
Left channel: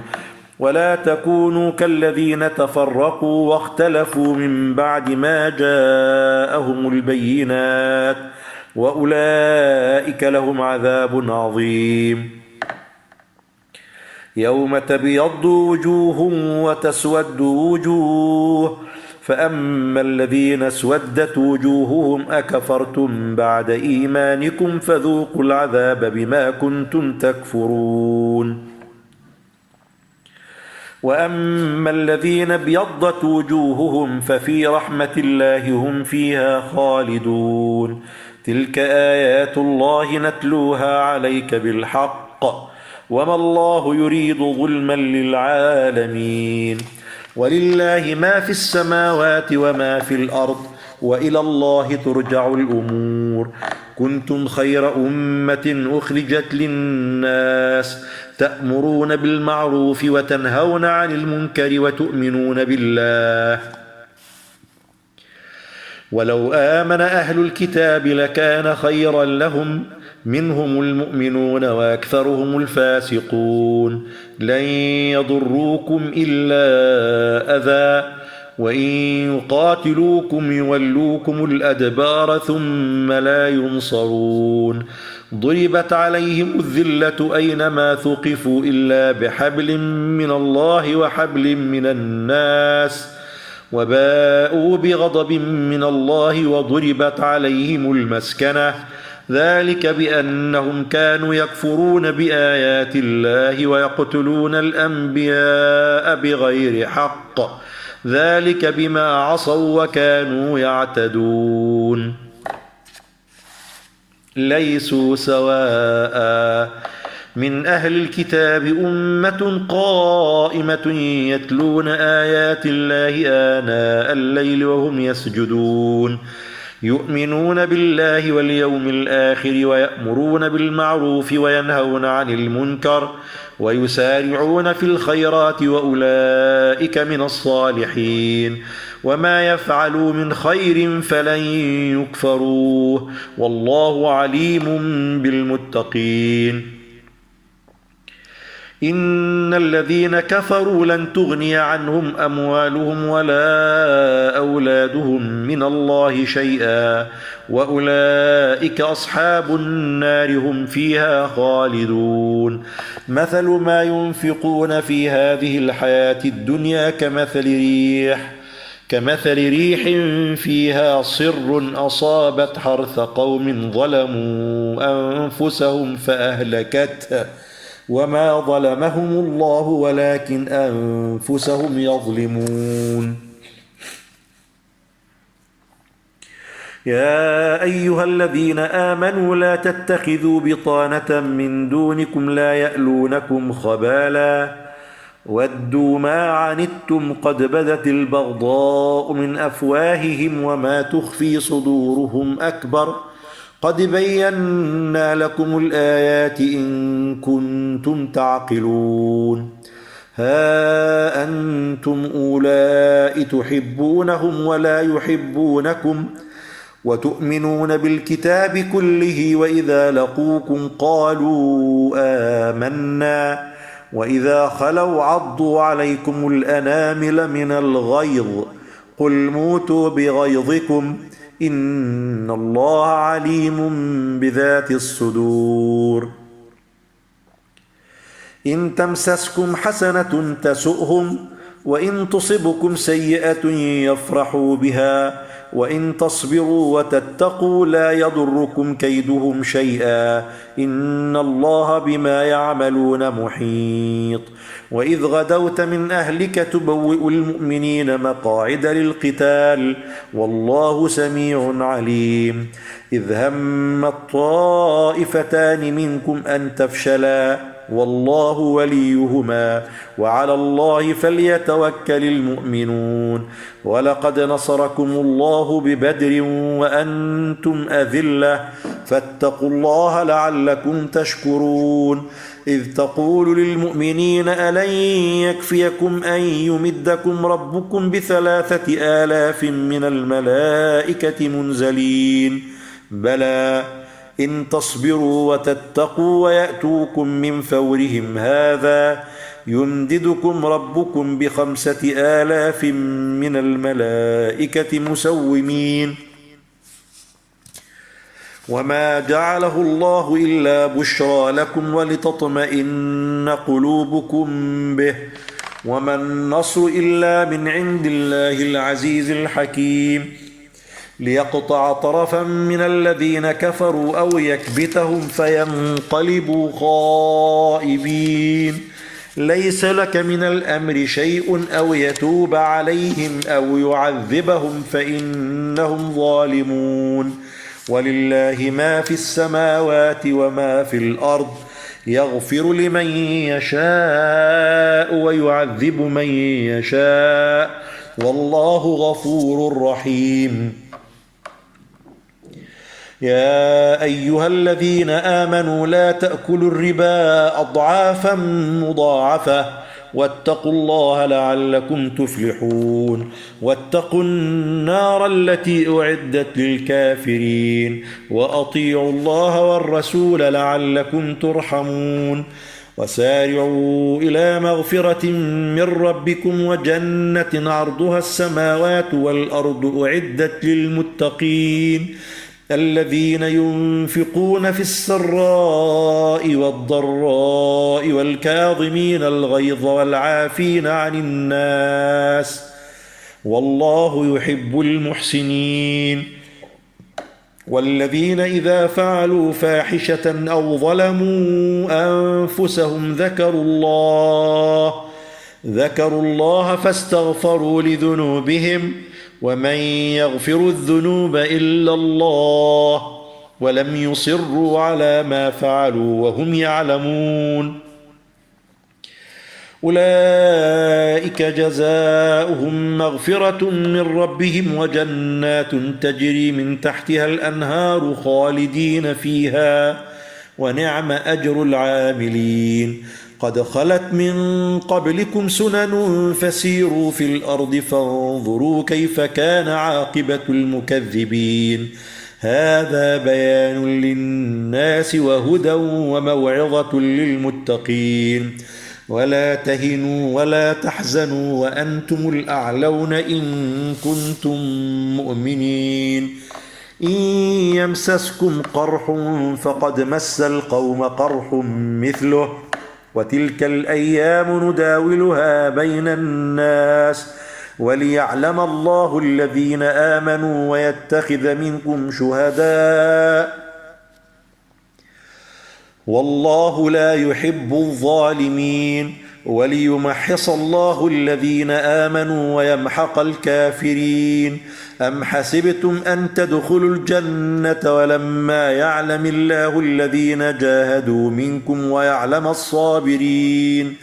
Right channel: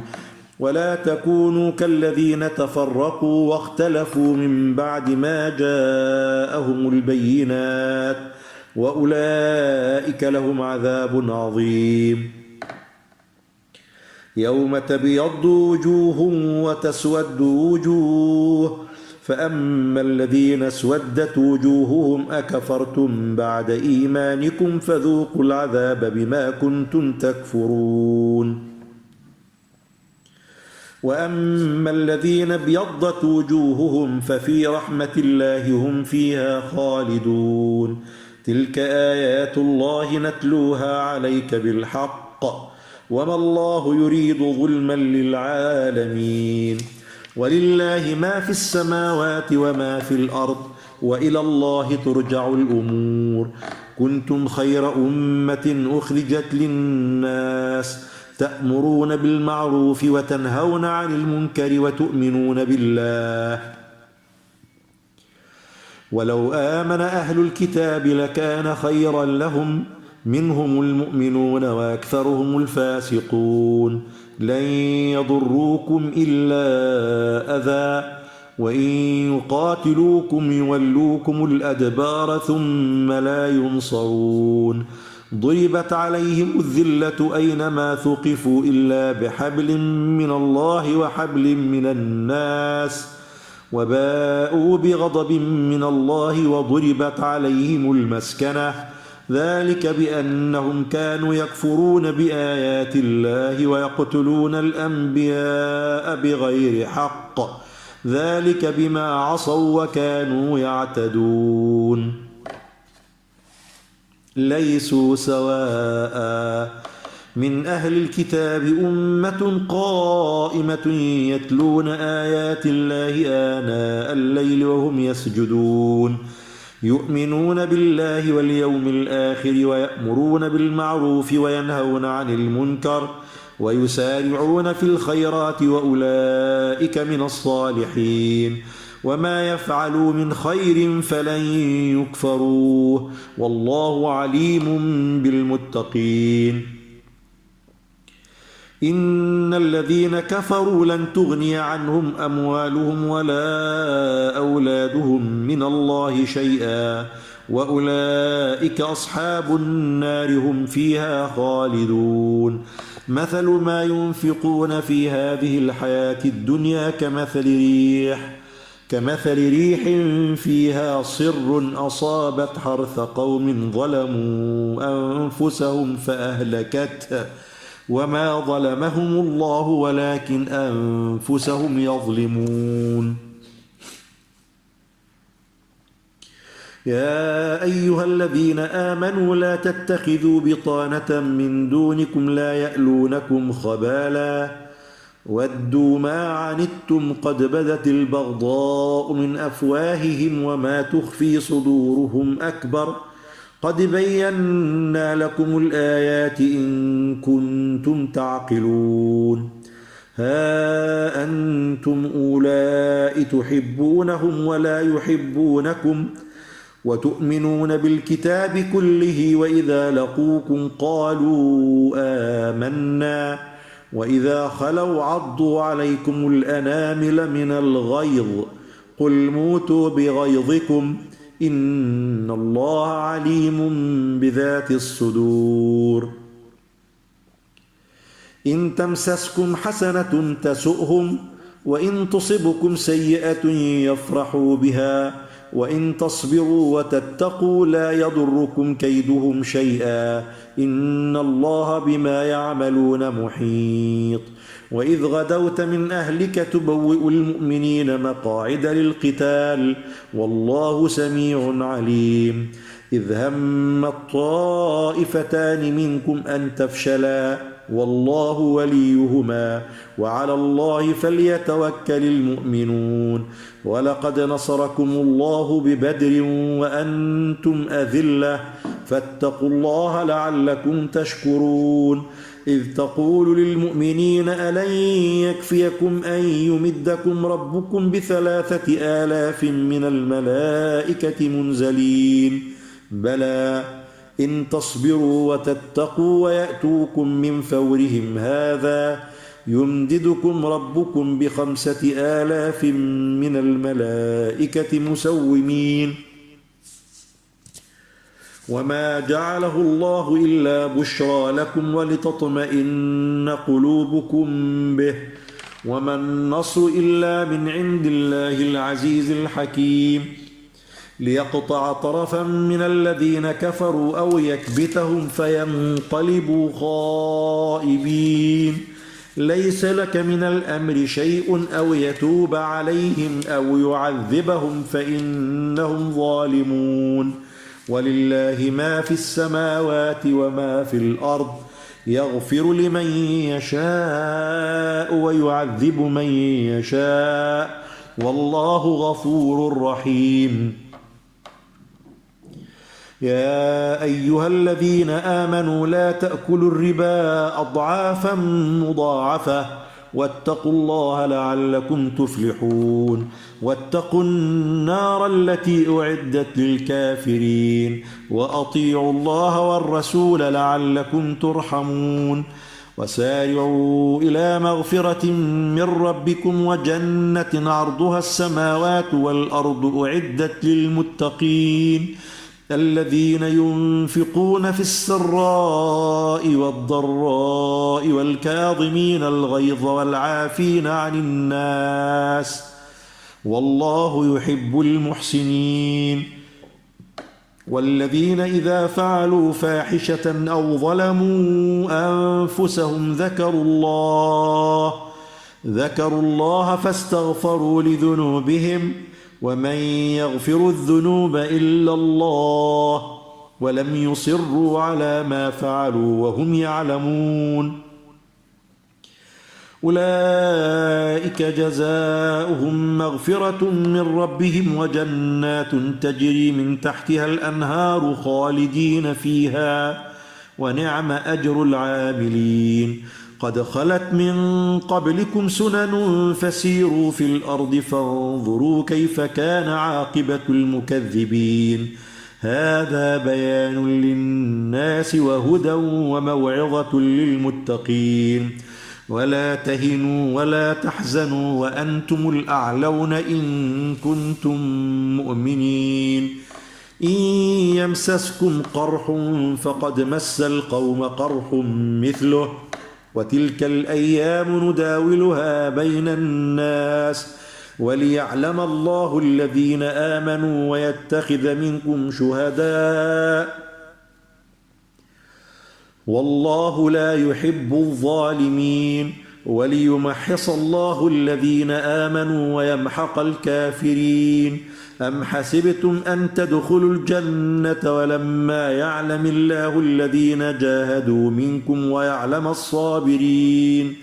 ولا تكونوا كالذين تفرقوا واختلفوا من بعد ما جاءهم البينات وأولئك لهم عذاب عظيم يوم تبيض وجوه وتسود وجوه فأما الذين اسودت وجوههم أكفرتم بعد إيمانكم فذوقوا العذاب بما كنتم تكفرون وأما الذين ابيضت وجوههم ففي رحمة الله هم فيها خالدون تلك آيات الله نتلوها عليك بالحق وما الله يريد ظلما للعالمين ولله ما في السماوات وما في الأرض وإلى الله ترجع الأمور كنتم خير أمة أخرجت للناس تأمرون بالمعروف وتنهون عن المنكر وتؤمنون بالله ولو آمن أهل الكتاب لكان خيرا لهم منهم المؤمنون وأكثرهم الفاسقون لن يضروكم إلا أذى وإن يقاتلوكم يولوكم الأدبار ثم لا ينصرون ضربت عليهم الذلة أينما ثقفوا إلا بحبل من الله وحبل من الناس وباءوا بغضب من الله وضربت عليهم المسكنة ذلك بأنهم كانوا يكفرون بآيات الله ويقتلون الأنبياء بغير حق ذلك بما عصوا وكانوا يعتدون ليسوا سواء من أهل الكتاب أمة قائمة يتلون آيات الله آناء الليل وهم يسجدون يؤمنون بالله واليوم الآخر ويأمرون بالمعروف وينهون عن المنكر ويسارعون في الخيرات وأولئك من الصالحين وما يفعلوا من خير فلن يكفروه والله عليم بالمتقين إن الذين كفروا لن تغني عنهم أموالهم ولا أولادهم من الله شيئا وأولئك أصحاب النار هم فيها خالدون مثل ما ينفقون في هذه الحياة الدنيا كمثل ريح كمثل ريح فيها صر أصابت حرث قوم ظلموا أنفسهم فأهلكته وما ظلمهم الله ولكن أنفسهم يظلمون. يا أيها الذين آمنوا لا تتخذوا بطانة من دونكم لا يألونكم خبالا ودوا ما عنتم قد بدت البغضاء من أفواههم وما تخفي صدورهم أكبر قد بينا لكم الآيات إن كنتم تعقلون. ها أنتم أولئك تحبونهم ولا يحبونكم وتؤمنون بالكتاب كله وإذا لقوكم قالوا آمنا وإذا خلوا عضوا عليكم الأنامل من الغيظ قل موتوا بغيظكم إن الله عليم بذات الصدور. إن تمسسكم حسنة تسؤهم وإن تصبكم سيئة يفرحوا بها وإن تصبروا وتتقوا لا يضركم كيدهم شيئا إن الله بما يعملون محيط. وإذ غدوت من أهلك تبوئ المؤمنين مقاعد للقتال والله سميع عليم. إذ هم الطائفتان منكم أن تفشلا والله وليهما وعلى الله فليتوكل المؤمنون. ولقد نصركم الله ببدر وأنتم أذلة فاتقوا الله لعلكم تشكرون. إذ تقول للمؤمنين ألن يكفيكم أن يمدكم ربكم ب3,000 من الملائكة منزلين بلى إن تصبروا وتتقوا ويأتوكم من فورهم هذا يمددكم ربكم ب5,000 من الملائكة مسومين. وما جعله الله إلا بشرى لكم ولتطمئن قلوبكم به وما النصر إلا من عند الله العزيز الحكيم. ليقطع طرفا من الذين كفروا أو يكبتهم فينقلبوا خائبين. ليس لك من الأمر شيء أو يتوب عليهم أو يعذبهم فإنهم ظالمون. ولله ما في السماوات وما في الأرض يغفر لمن يشاء ويعذب من يشاء والله غفور رحيم. يا أيها الذين آمنوا لا تأكلوا الربا أضعافا مضاعفة واتقوا الله لعلكم تفلحون. واتقوا النار التي أعدت للكافرين وأطيعوا الله والرسول لعلكم ترحمون. وسارعوا إلى مغفرة من ربكم وجنة عرضها السماوات والأرض أعدت للمتقين الذين ينفقون في السراء والضراء والكاظمين الغيظ والعافين عن الناس والله يحب المحسنين. والذين إذا فعلوا فاحشة أو ظلموا أنفسهم ذكروا الله فاستغفروا لذنوبهم ومن يغفر الذنوب إلا الله ولم يصروا على ما فعلوا وهم يعلمون. أولئك جزاؤهم مغفرة من ربهم وجنات تجري من تحتها الأنهار خالدين فيها ونعم أجر العاملين. قد خلت من قبلكم سنن فسيروا في الأرض فانظروا كيف كان عاقبة المكذبين. هذا بيان للناس وهدى وموعظة للمتقين. ولا تهنوا ولا تحزنوا وأنتم الأعلون إن كنتم مؤمنين. إن يمسسكم قرح فقد مس القوم قرح مثله وتلك الأيام نداولها بين الناس وليعلم الله الذين آمنوا ويتخذ منكم شهداء والله لا يحب الظالمين وليمحص الله الذين آمنوا ويمحق الكافرين أم حسبتم أن تدخلوا الجنة ولما يعلم الله الذين جاهدوا منكم ويعلم الصابرين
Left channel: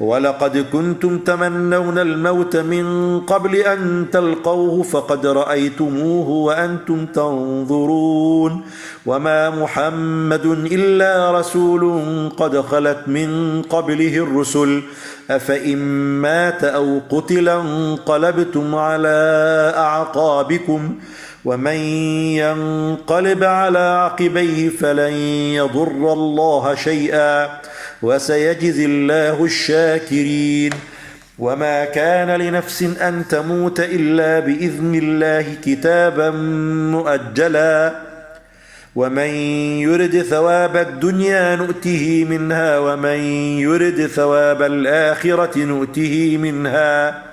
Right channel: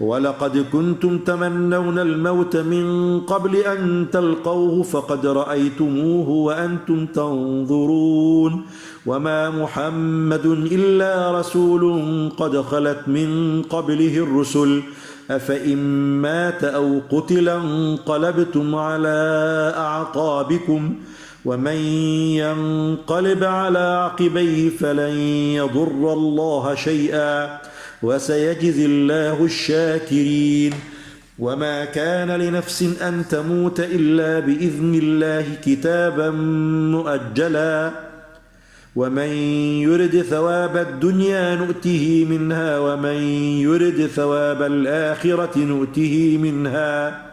ولقد كنتم تمنون الموت من قبل أن تلقوه فقد رأيتموه وأنتم تنظرون وما محمد إلا رسول قد خلت من قبله الرسل أفإن مات أو قتل انقلبتم على أعقابكم ومن ينقلب على عقبيه فلن يضر الله شيئا وسيجزي الله الشاكرين وما كان لنفس أن تموت إلا بإذن الله كتابا مؤجلا ومن يرد ثواب الدنيا نؤته منها ومن يرد ثواب الآخرة نؤته منها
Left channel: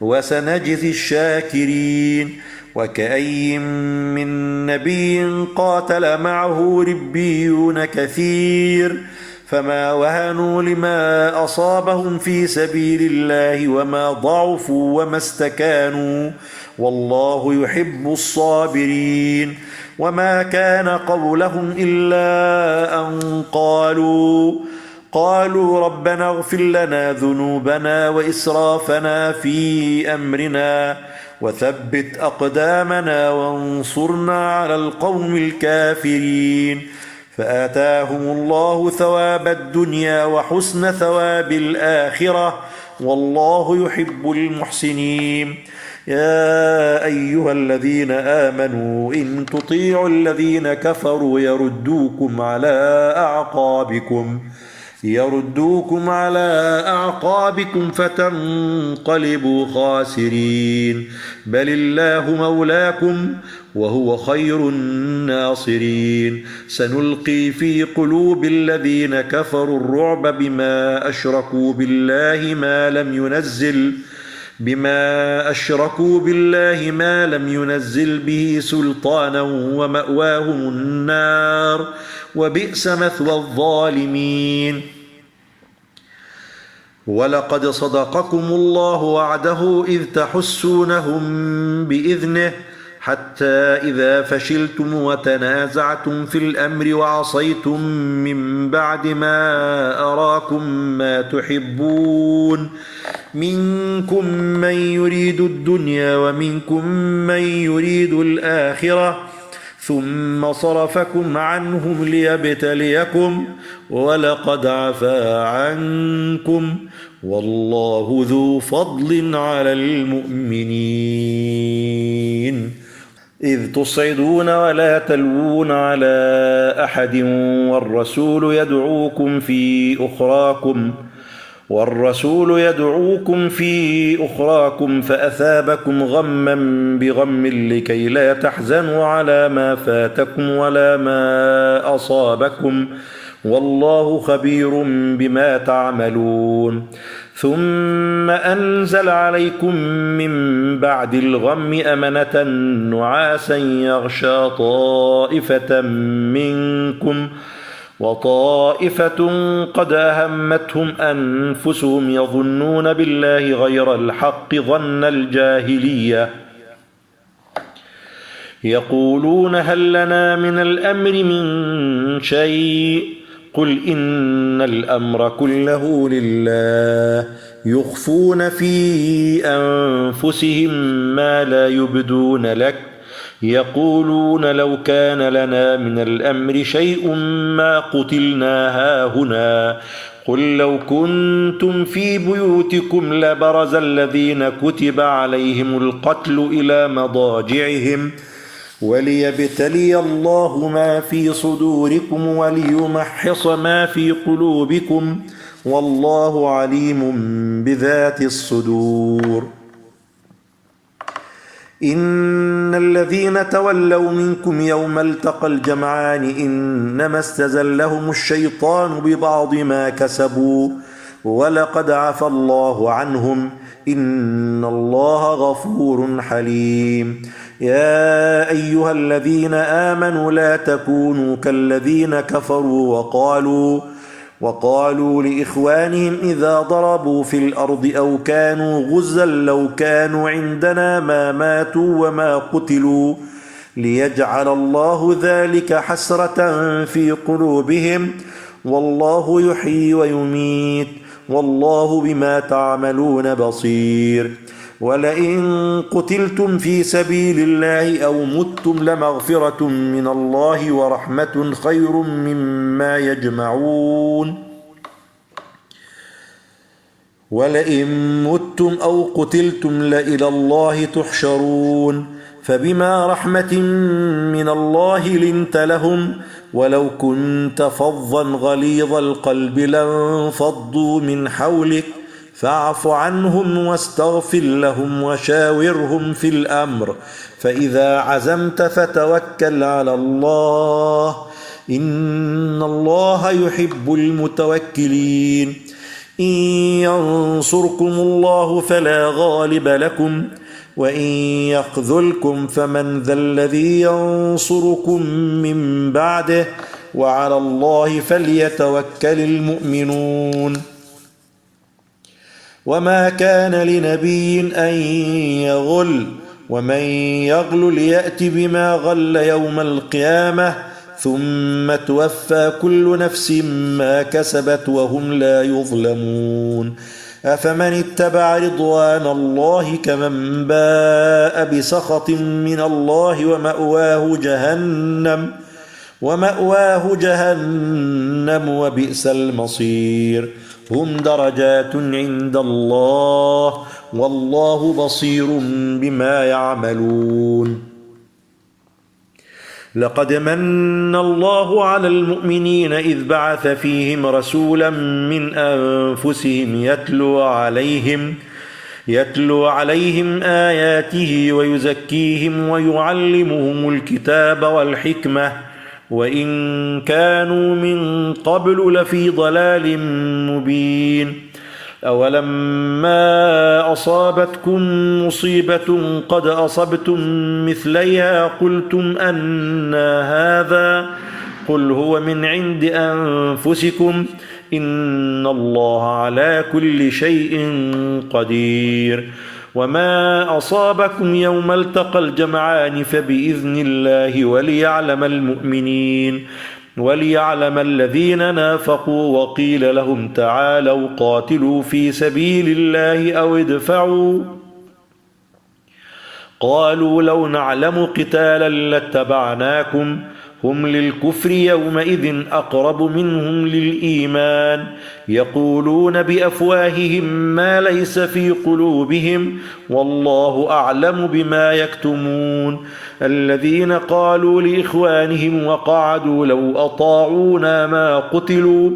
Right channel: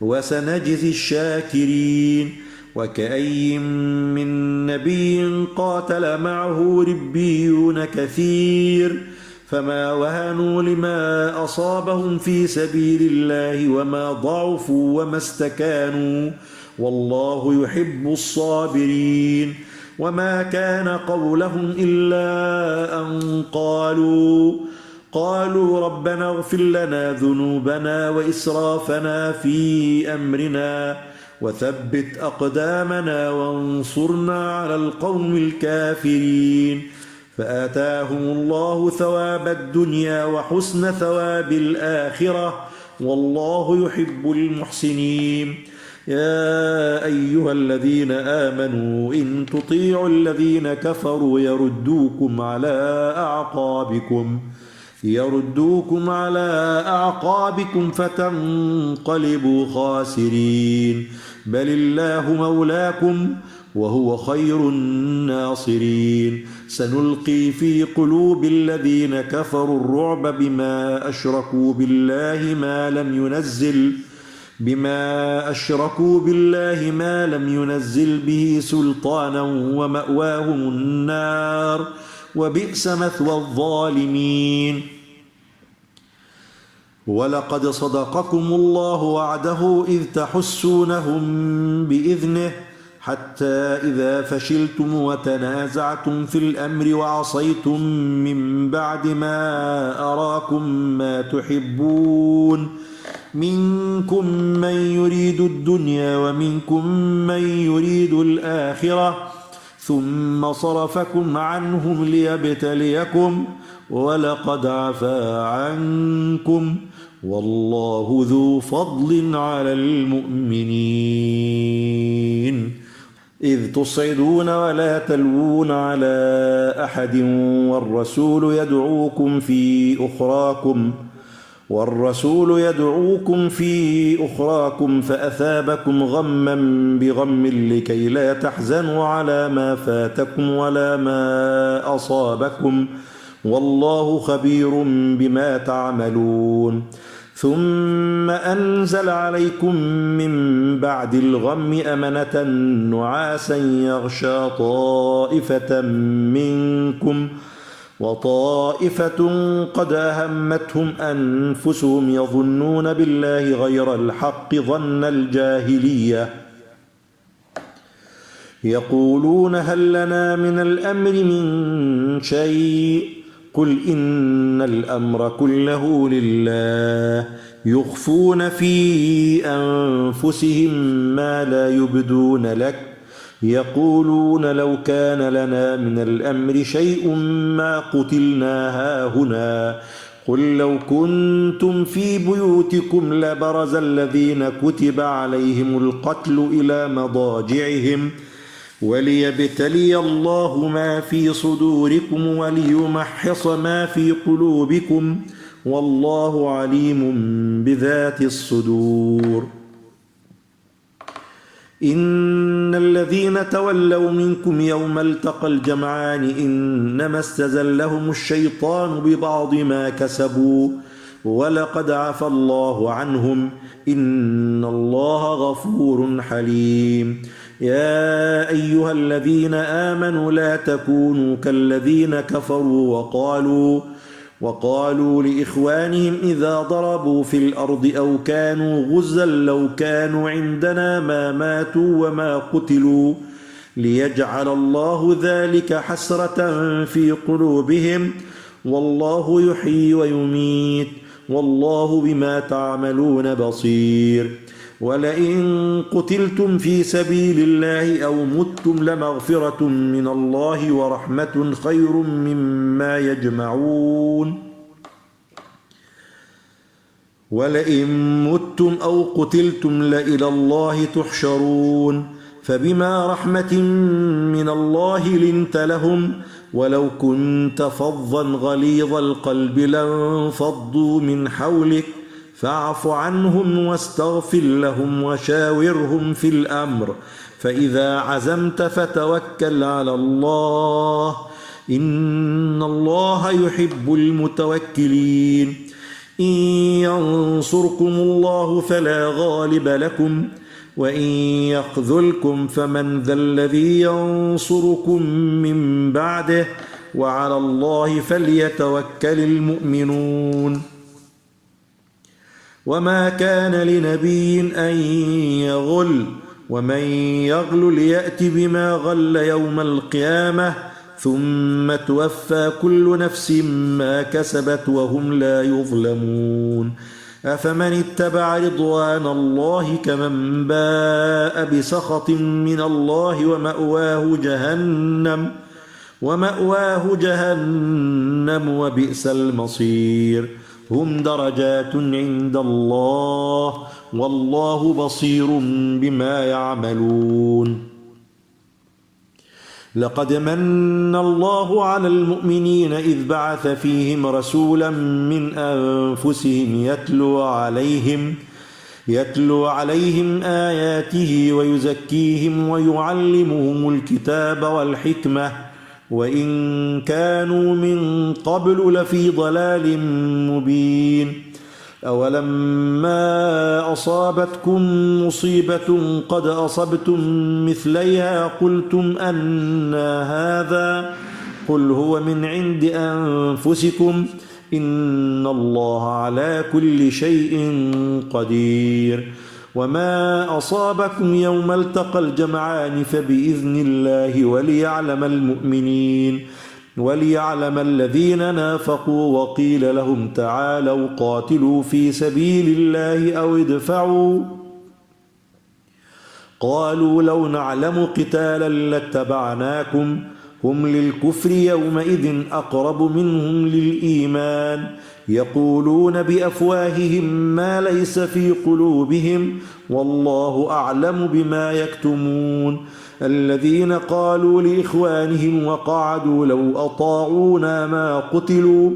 وسنجزي الشاكرين وكأي من نبي قاتل معه ربيون كثير فما وهنوا لما أصابهم في سبيل الله وما ضعفوا وما استكانوا والله يحب الصابرين وما كان قولهم إلا أن قالوا ربنا اغفر لنا ذنوبنا وإسرافنا في أمرنا وثبت أقدامنا وانصرنا على القوم الكافرين فآتاهم الله ثواب الدنيا وحسن ثواب الآخرة والله يحب المحسنين يا أيها الذين آمنوا إن تطيعوا الذين كفروا يردوكم على أعقابكم فتنقلبوا خاسرين بل الله مولاكم وهو خير الناصرين سنلقي في قلوب الذين كفروا الرعب بما أشركوا بالله ما لم ينزل به سلطانا ومأواهم النار وبئس مثوى الظالمين ولقد صدقكم الله وعده إذ تحسونهم بإذنه حتى إذا فشلتم وتنازعتم في الأمر وعصيتم من بعد ما أراكم ما تحبون منكم من يريد الدنيا ومنكم من يريد الآخرة ثم صرفكم عنهم ليبتليكم ولقد عفا عنكم والله ذو فضل على المؤمنين إذ تصعدون ولا تلوون على أحد والرسول يدعوكم في أخراكم فأثابكم غما بغم لكي لا تحزنوا على ما فاتكم ولا ما أصابكم والله خبير بما تعملون ثم أنزل عليكم من بعد الغم أمنة نعاسا يغشى طائفة منكم وطائفة قد أهمتهم أنفسهم يظنون بالله غير الحق ظن الجاهلية يقولون هل لنا من الأمر من شيء قل إن الأمر كله لله يخفون في أنفسهم ما لا يبدون لك يقولون لو كان لنا من الأمر شيء ما قتلنا هاهنا قل لو كنتم في بيوتكم لبرز الذين كتب عليهم القتل إلى مضاجعهم وليبتلي الله ما في صدوركم وليمحص ما في قلوبكم والله عليم بذات الصدور إن الذين تولوا منكم يوم التقى الجمعان إنما استزلهم الشيطان ببعض ما كسبوا ولقد عفى الله عنهم إن الله غفور حليم. يا أيها الذين آمنوا لا تكونوا كالذين كفروا وقالوا لإخوانهم إذا ضربوا في الأرض أو كانوا غزا لو كانوا عندنا ما ماتوا وما قتلوا ليجعل الله ذلك حسرة في قلوبهم والله يحيي ويميت والله بما تعملون بصير. ولئن قتلتم في سبيل الله أو متم لمغفرة من الله ورحمة خير مما يجمعون. ولئن متم أو قتلتم لإلى الله تحشرون. فبما رحمة من الله لنت لهم ولو كنت فظا غليظ القلب لانفضوا من حولك فاعف عنهم واستغفر لهم وشاورهم في الأمر فإذا عزمت فتوكل على الله إن الله يحب المتوكلين. إن ينصركم الله فلا غالب لكم وإن يخذلكم فمن ذا الذي ينصركم من بعده وعلى الله فليتوكل المؤمنون. وما كان لنبي أن يغل ومن يغل ليأت بما غل يوم القيامة ثم توفى كل نفس ما كسبت وهم لا يظلمون. أفمن اتبع رضوان الله كمن باء بسخط من الله ومأواه جهنم وبئس المصير. هم درجات عند الله والله بصير بما يعملون. لقد من الله على المؤمنين إذ بعث فيهم رسولا من أنفسهم يتلو عليهم آياته ويزكيهم ويعلمهم الكتاب والحكمة وإن كانوا من قبل لفي ضلال مبين. أولما أصابتكم مصيبة قد أصبتم مثليها قلتم أنى هذا قل هو من عند أنفسكم إن الله على كل شيء قدير. وما أصابكم يوم التقى الجمعان فبإذن الله وليعلم الذين نافقوا وقيل لهم تعالوا قاتلوا في سبيل الله أو ادفعوا قالوا لو نعلم قتالا لاتبعناكم هم للكفر يومئذ أقرب منهم للإيمان يقولون بأفواههم ما ليس في قلوبهم والله أعلم بما يكتمون. الذين قالوا لإخوانهم وقعدوا لو أطاعونا ما قتلوا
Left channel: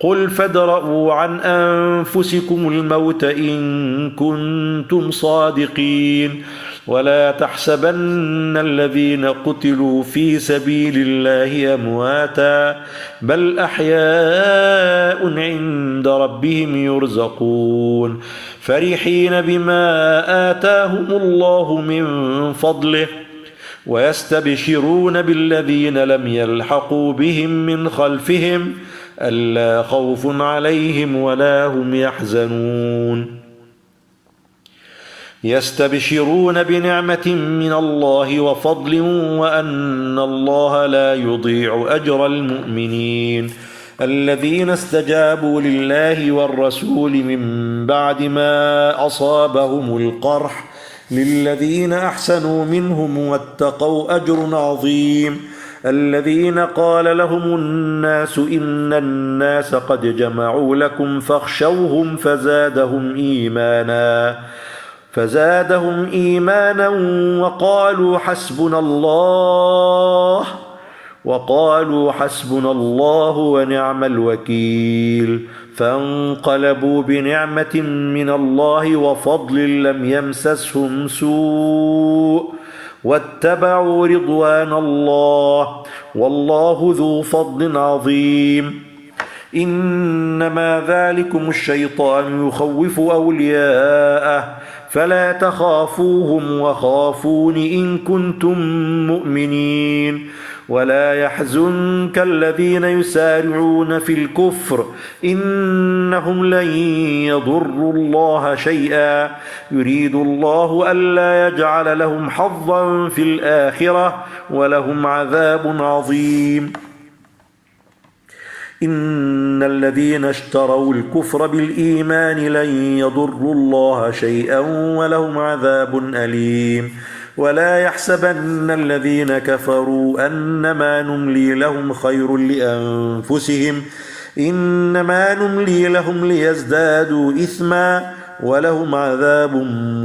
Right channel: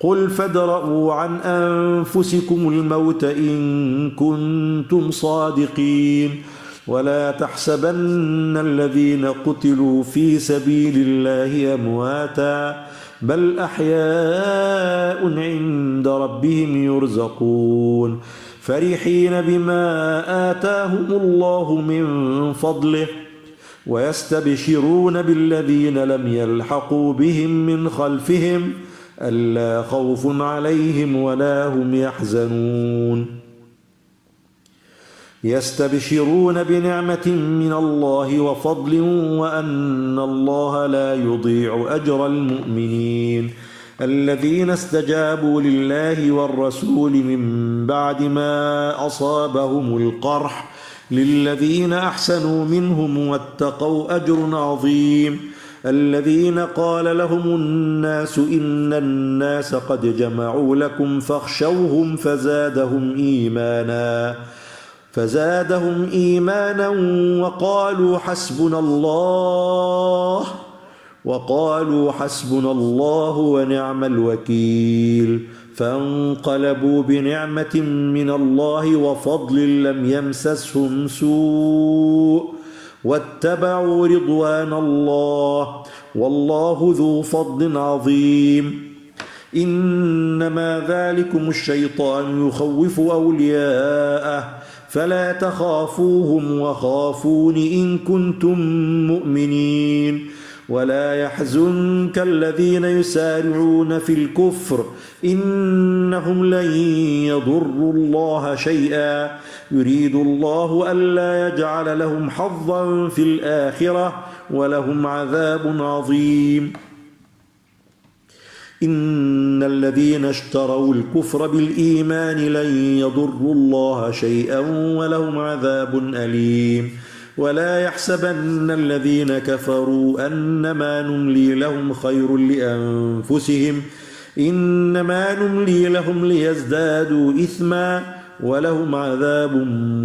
قل فادرءوا عن أنفسكم الموت إن كنتم صادقين ولا تحسبن الذين قتلوا في سبيل الله أمواتا بل أحياء عند ربهم يرزقون فرحين بما آتاهم الله من فضله ويستبشرون بالذين لم يلحقوا بهم من خلفهم ألا خوف عليهم ولا هم يحزنون. يستبشرون بنعمة من الله وفضل وأن الله لا يضيع أجر المؤمنين. الذين استجابوا لله والرسول من بعد ما أصابهم القرح للذين أحسنوا منهم واتقوا أجر عظيم. الذين قال لهم الناس إن الناس قد جمعوا لكم فاخشوهم فزادهم إيمانا وقالوا حسبنا الله ونعم الوكيل فانقلبوا بنعمة من الله وفضل لم يمسسهم سوء واتبعوا رضوان الله والله ذو فضل عظيم. إنما ذلكم الشيطان يخوف أولياءه فلا تخافوهم وخافون إن كنتم مؤمنين ولا يحزنك الذين يسارعون في الكفر إنهم لن يضروا الله شيئا يريد الله ألا يجعل لهم حظا في الآخرة ولهم عذاب عظيم إن الذين اشتروا الكفر بالإيمان لن يضروا الله شيئا ولهم عذاب أليم ولا يحسبن الذين كفروا أنما نملي لهم خير لأنفسهم إنما نملي لهم ليزدادوا إثما ولهم عذاب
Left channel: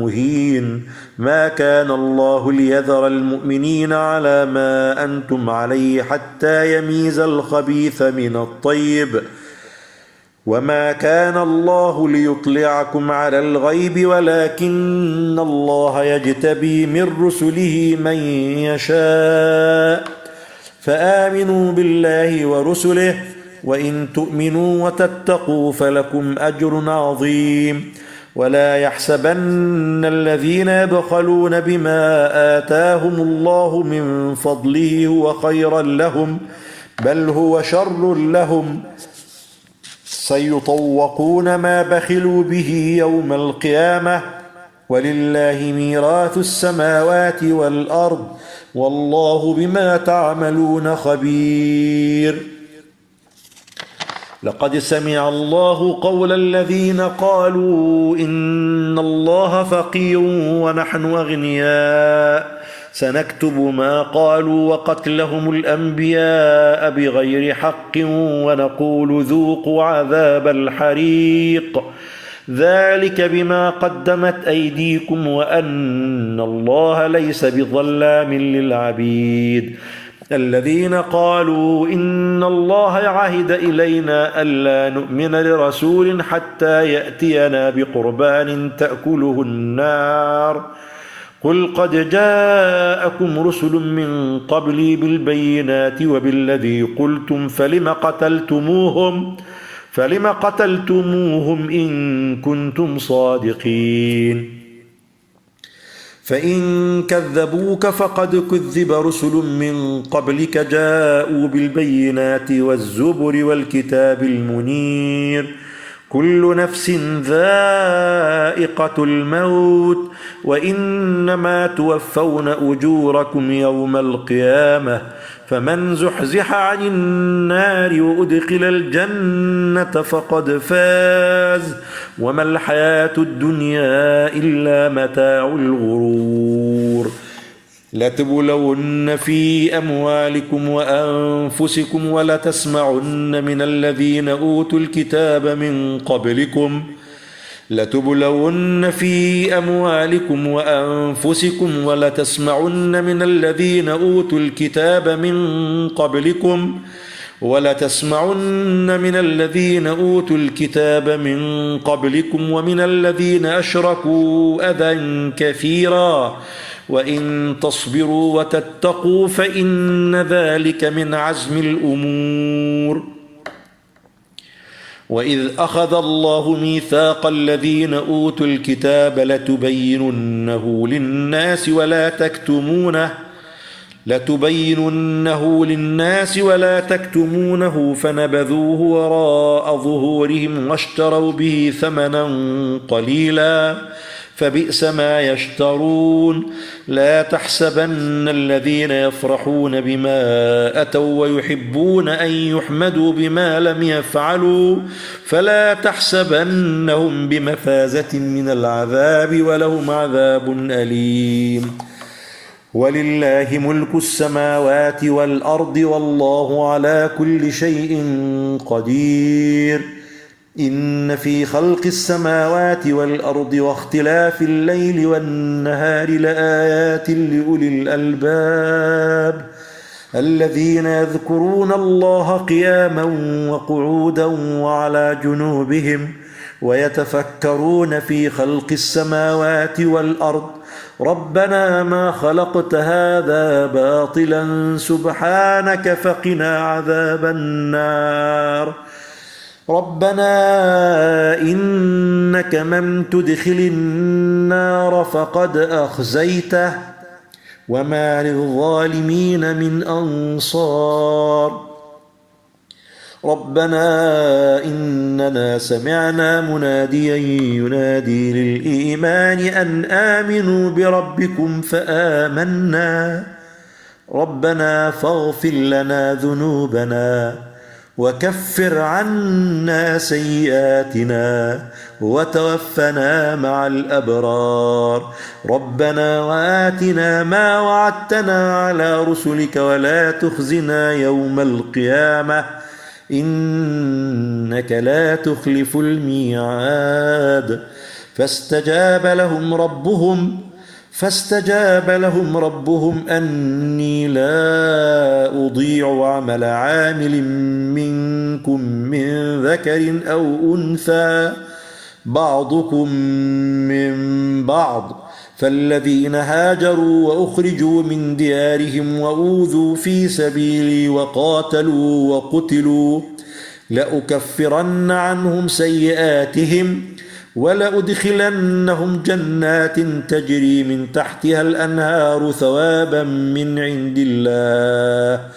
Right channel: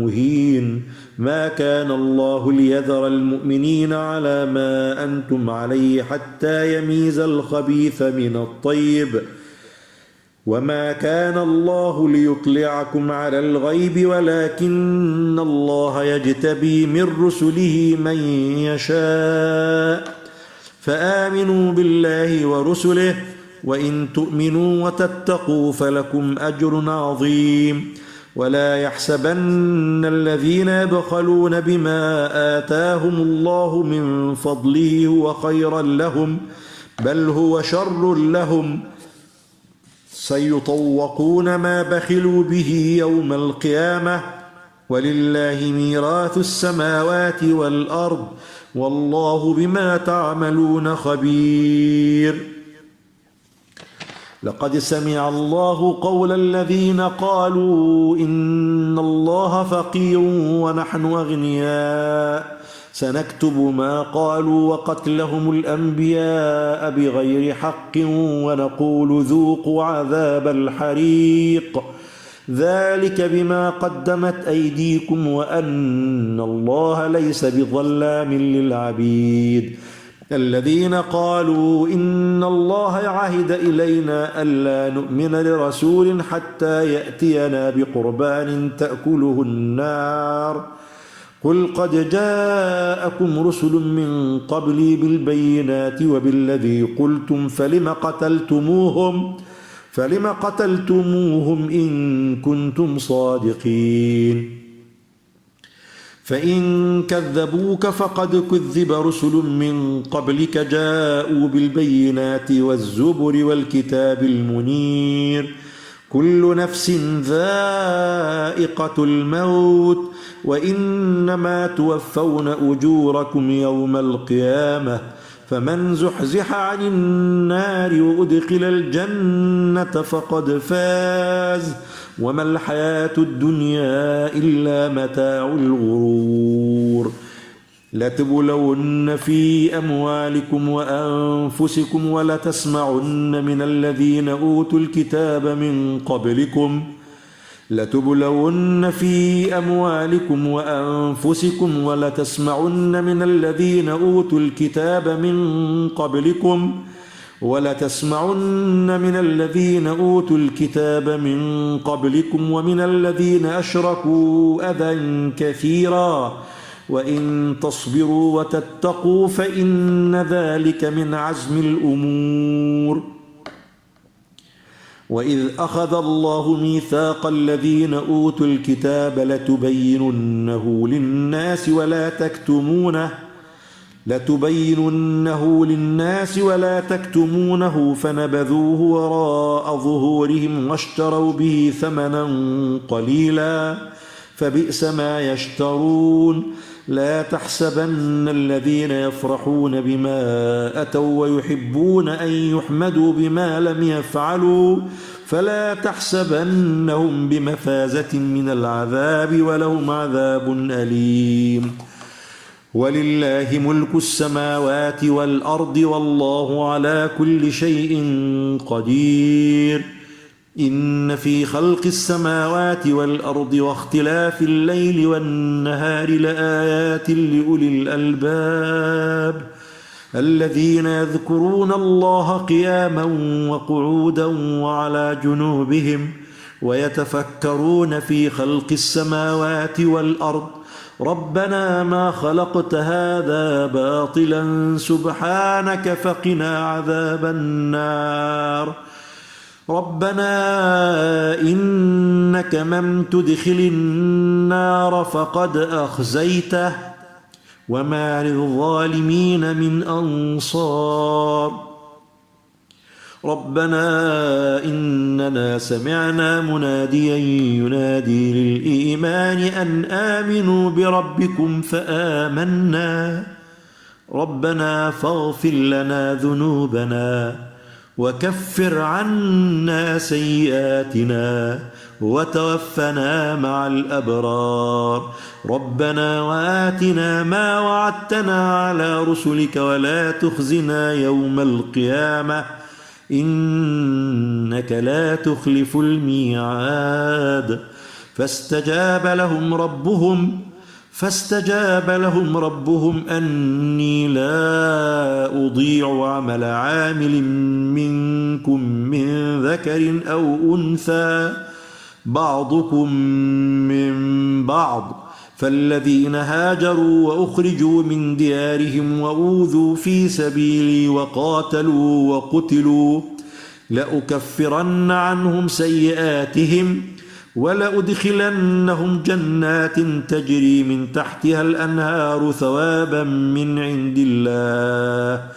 مهين ما كان الله ليذر المؤمنين على ما أنتم عليه حتى يميز الخبيث من الطيب وما كان الله ليطلعكم على الغيب ولكن الله يجتبي من رسله من يشاء فآمنوا بالله ورسله وإن تؤمنوا وتتقوا فلكم أجر عظيم ولا يحسبن الذين يبخلون بما آتاهم الله من فضله هو خيرا لهم بل هو شر لهم سيطوقون ما بخلوا به يوم القيامة ولله ميراث السماوات والأرض والله بما تعملون خبير لقد سمع الله قول الذين قالوا إن الله فقير ونحن أغنياء سنكتب ما قالوا وقتلهم الأنبياء بغير حق ونقول ذوقوا عذاب الحريق ذلك بما قدمت أيديكم وأن الله ليس بظلام للعبيد الذين قالوا إن الله عهد إلينا ألا نؤمن لرسول حتى يأتينا بقربان تأكله النار قل قد جاءكم رسل من قبلي بالبينات وبالذي قلتم فلم قتلتموهم إن كنتم صادقين فإن كذبوك فقد كذب رسل من قبلك جاءوا بالبينات والزبر والكتاب المنير كل نفس ذائقة الموت وإنما توفون أجوركم يوم القيامة فمن زحزح عن النار وأدخل الجنة فقد فاز وما الحياة الدنيا إلا متاع الغرور لتبلون في أموالكم وأنفسكم ولتسمعن من الذين أوتوا الكتاب من قبلكم لتبلون في أموالكم وأنفسكم ولتسمعن من الذين أوتوا الكتاب من قبلكم ومن الذين أشركوا أذى كثيرا وإن تصبروا وتتقوا فإن ذلك من عزم الأمور وإذ أخذ الله ميثاق الذين أوتوا الكتاب لتبيننه للناس ولا تكتمونه فنبذوه وراء ظهورهم واشتروا به ثمنا قليلا فبئس ما يشترون لا تحسبن الذين يفرحون بما أتوا ويحبون أن يحمدوا بما لم يفعلوا فلا تحسبنهم بمفازة من العذاب ولهم عذاب أليم ولله ملك السماوات والأرض والله على كل شيء قدير إن في خلق السماوات والأرض واختلاف الليل والنهار لآيات لأولي الألباب الذين يذكرون الله قياما وقعودا وعلى جنوبهم ويتفكرون في خلق السماوات والأرض ربنا ما خلقت هذا باطلا سبحانك فقنا عذاب النار ربنا إنك من تدخل النار فقد أخزيته وما للظالمين من أنصار ربنا إننا سمعنا مناديا ينادي للإيمان أن آمنوا بربكم فآمنا ربنا فاغفر لنا ذنوبنا وكفر عنا سيئاتنا وتوفنا مع الأبرار ربنا وآتنا ما وعدتنا على رسلك ولا تخزنا يوم القيامة إنك لا تخلف الميعاد فاستجاب لهم ربهم أني لا أضيع عمل عامل منكم من ذكر أو أنثى بعضكم من بعض فالذين هاجروا وأخرجوا من ديارهم وأوذوا في سبيلي وقاتلوا وقتلوا لأكفرن عنهم سيئاتهم ولأدخلنهم جنات تجري من تحتها الأنهار ثوابا من عند الله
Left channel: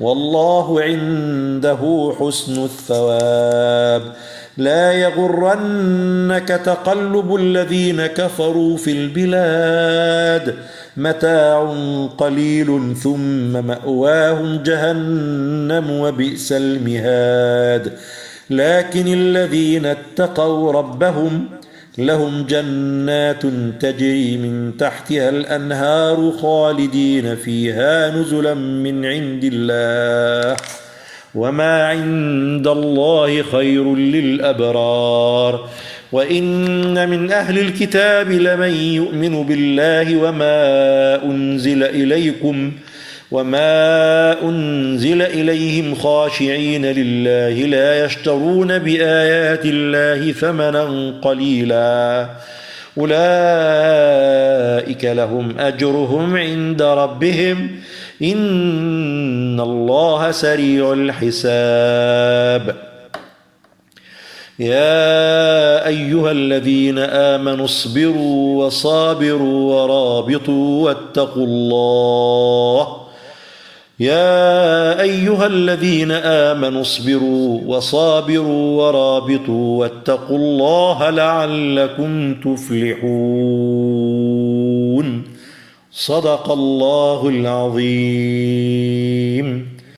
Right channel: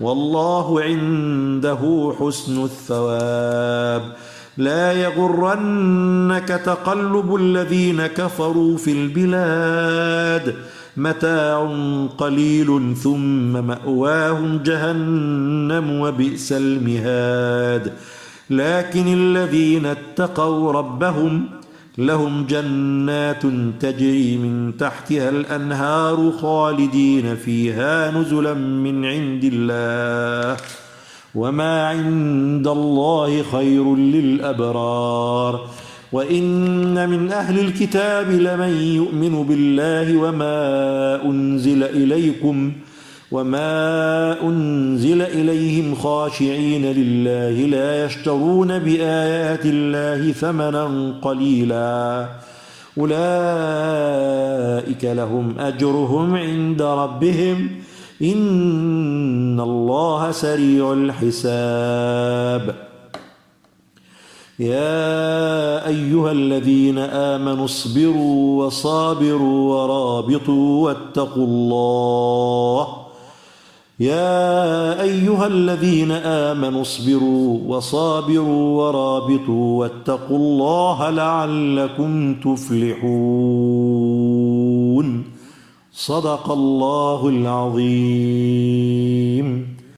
والله عنده حسن الثواب لا يغرنك تقلب الذين كفروا في البلاد متاع قليل ثم مأواهم جهنم وبئس المهاد لكن الذين اتقوا ربهم لهم جنات تجري من تحتها الأنهار خالدين فيها نزلا من عند الله وما عند الله خير للأبرار وإن من أهل الكتاب لمن يؤمن بالله وما أنزل إليهم خاشعين لله لا يشترون بآيات الله ثمنا قليلا أولئك لهم أجرهم عند ربهم إن الله سريع الحساب يا أيها الذين آمنوا اصبروا وصابروا ورابطوا واتقوا الله لعلكم تفلحون صدق الله العظيم.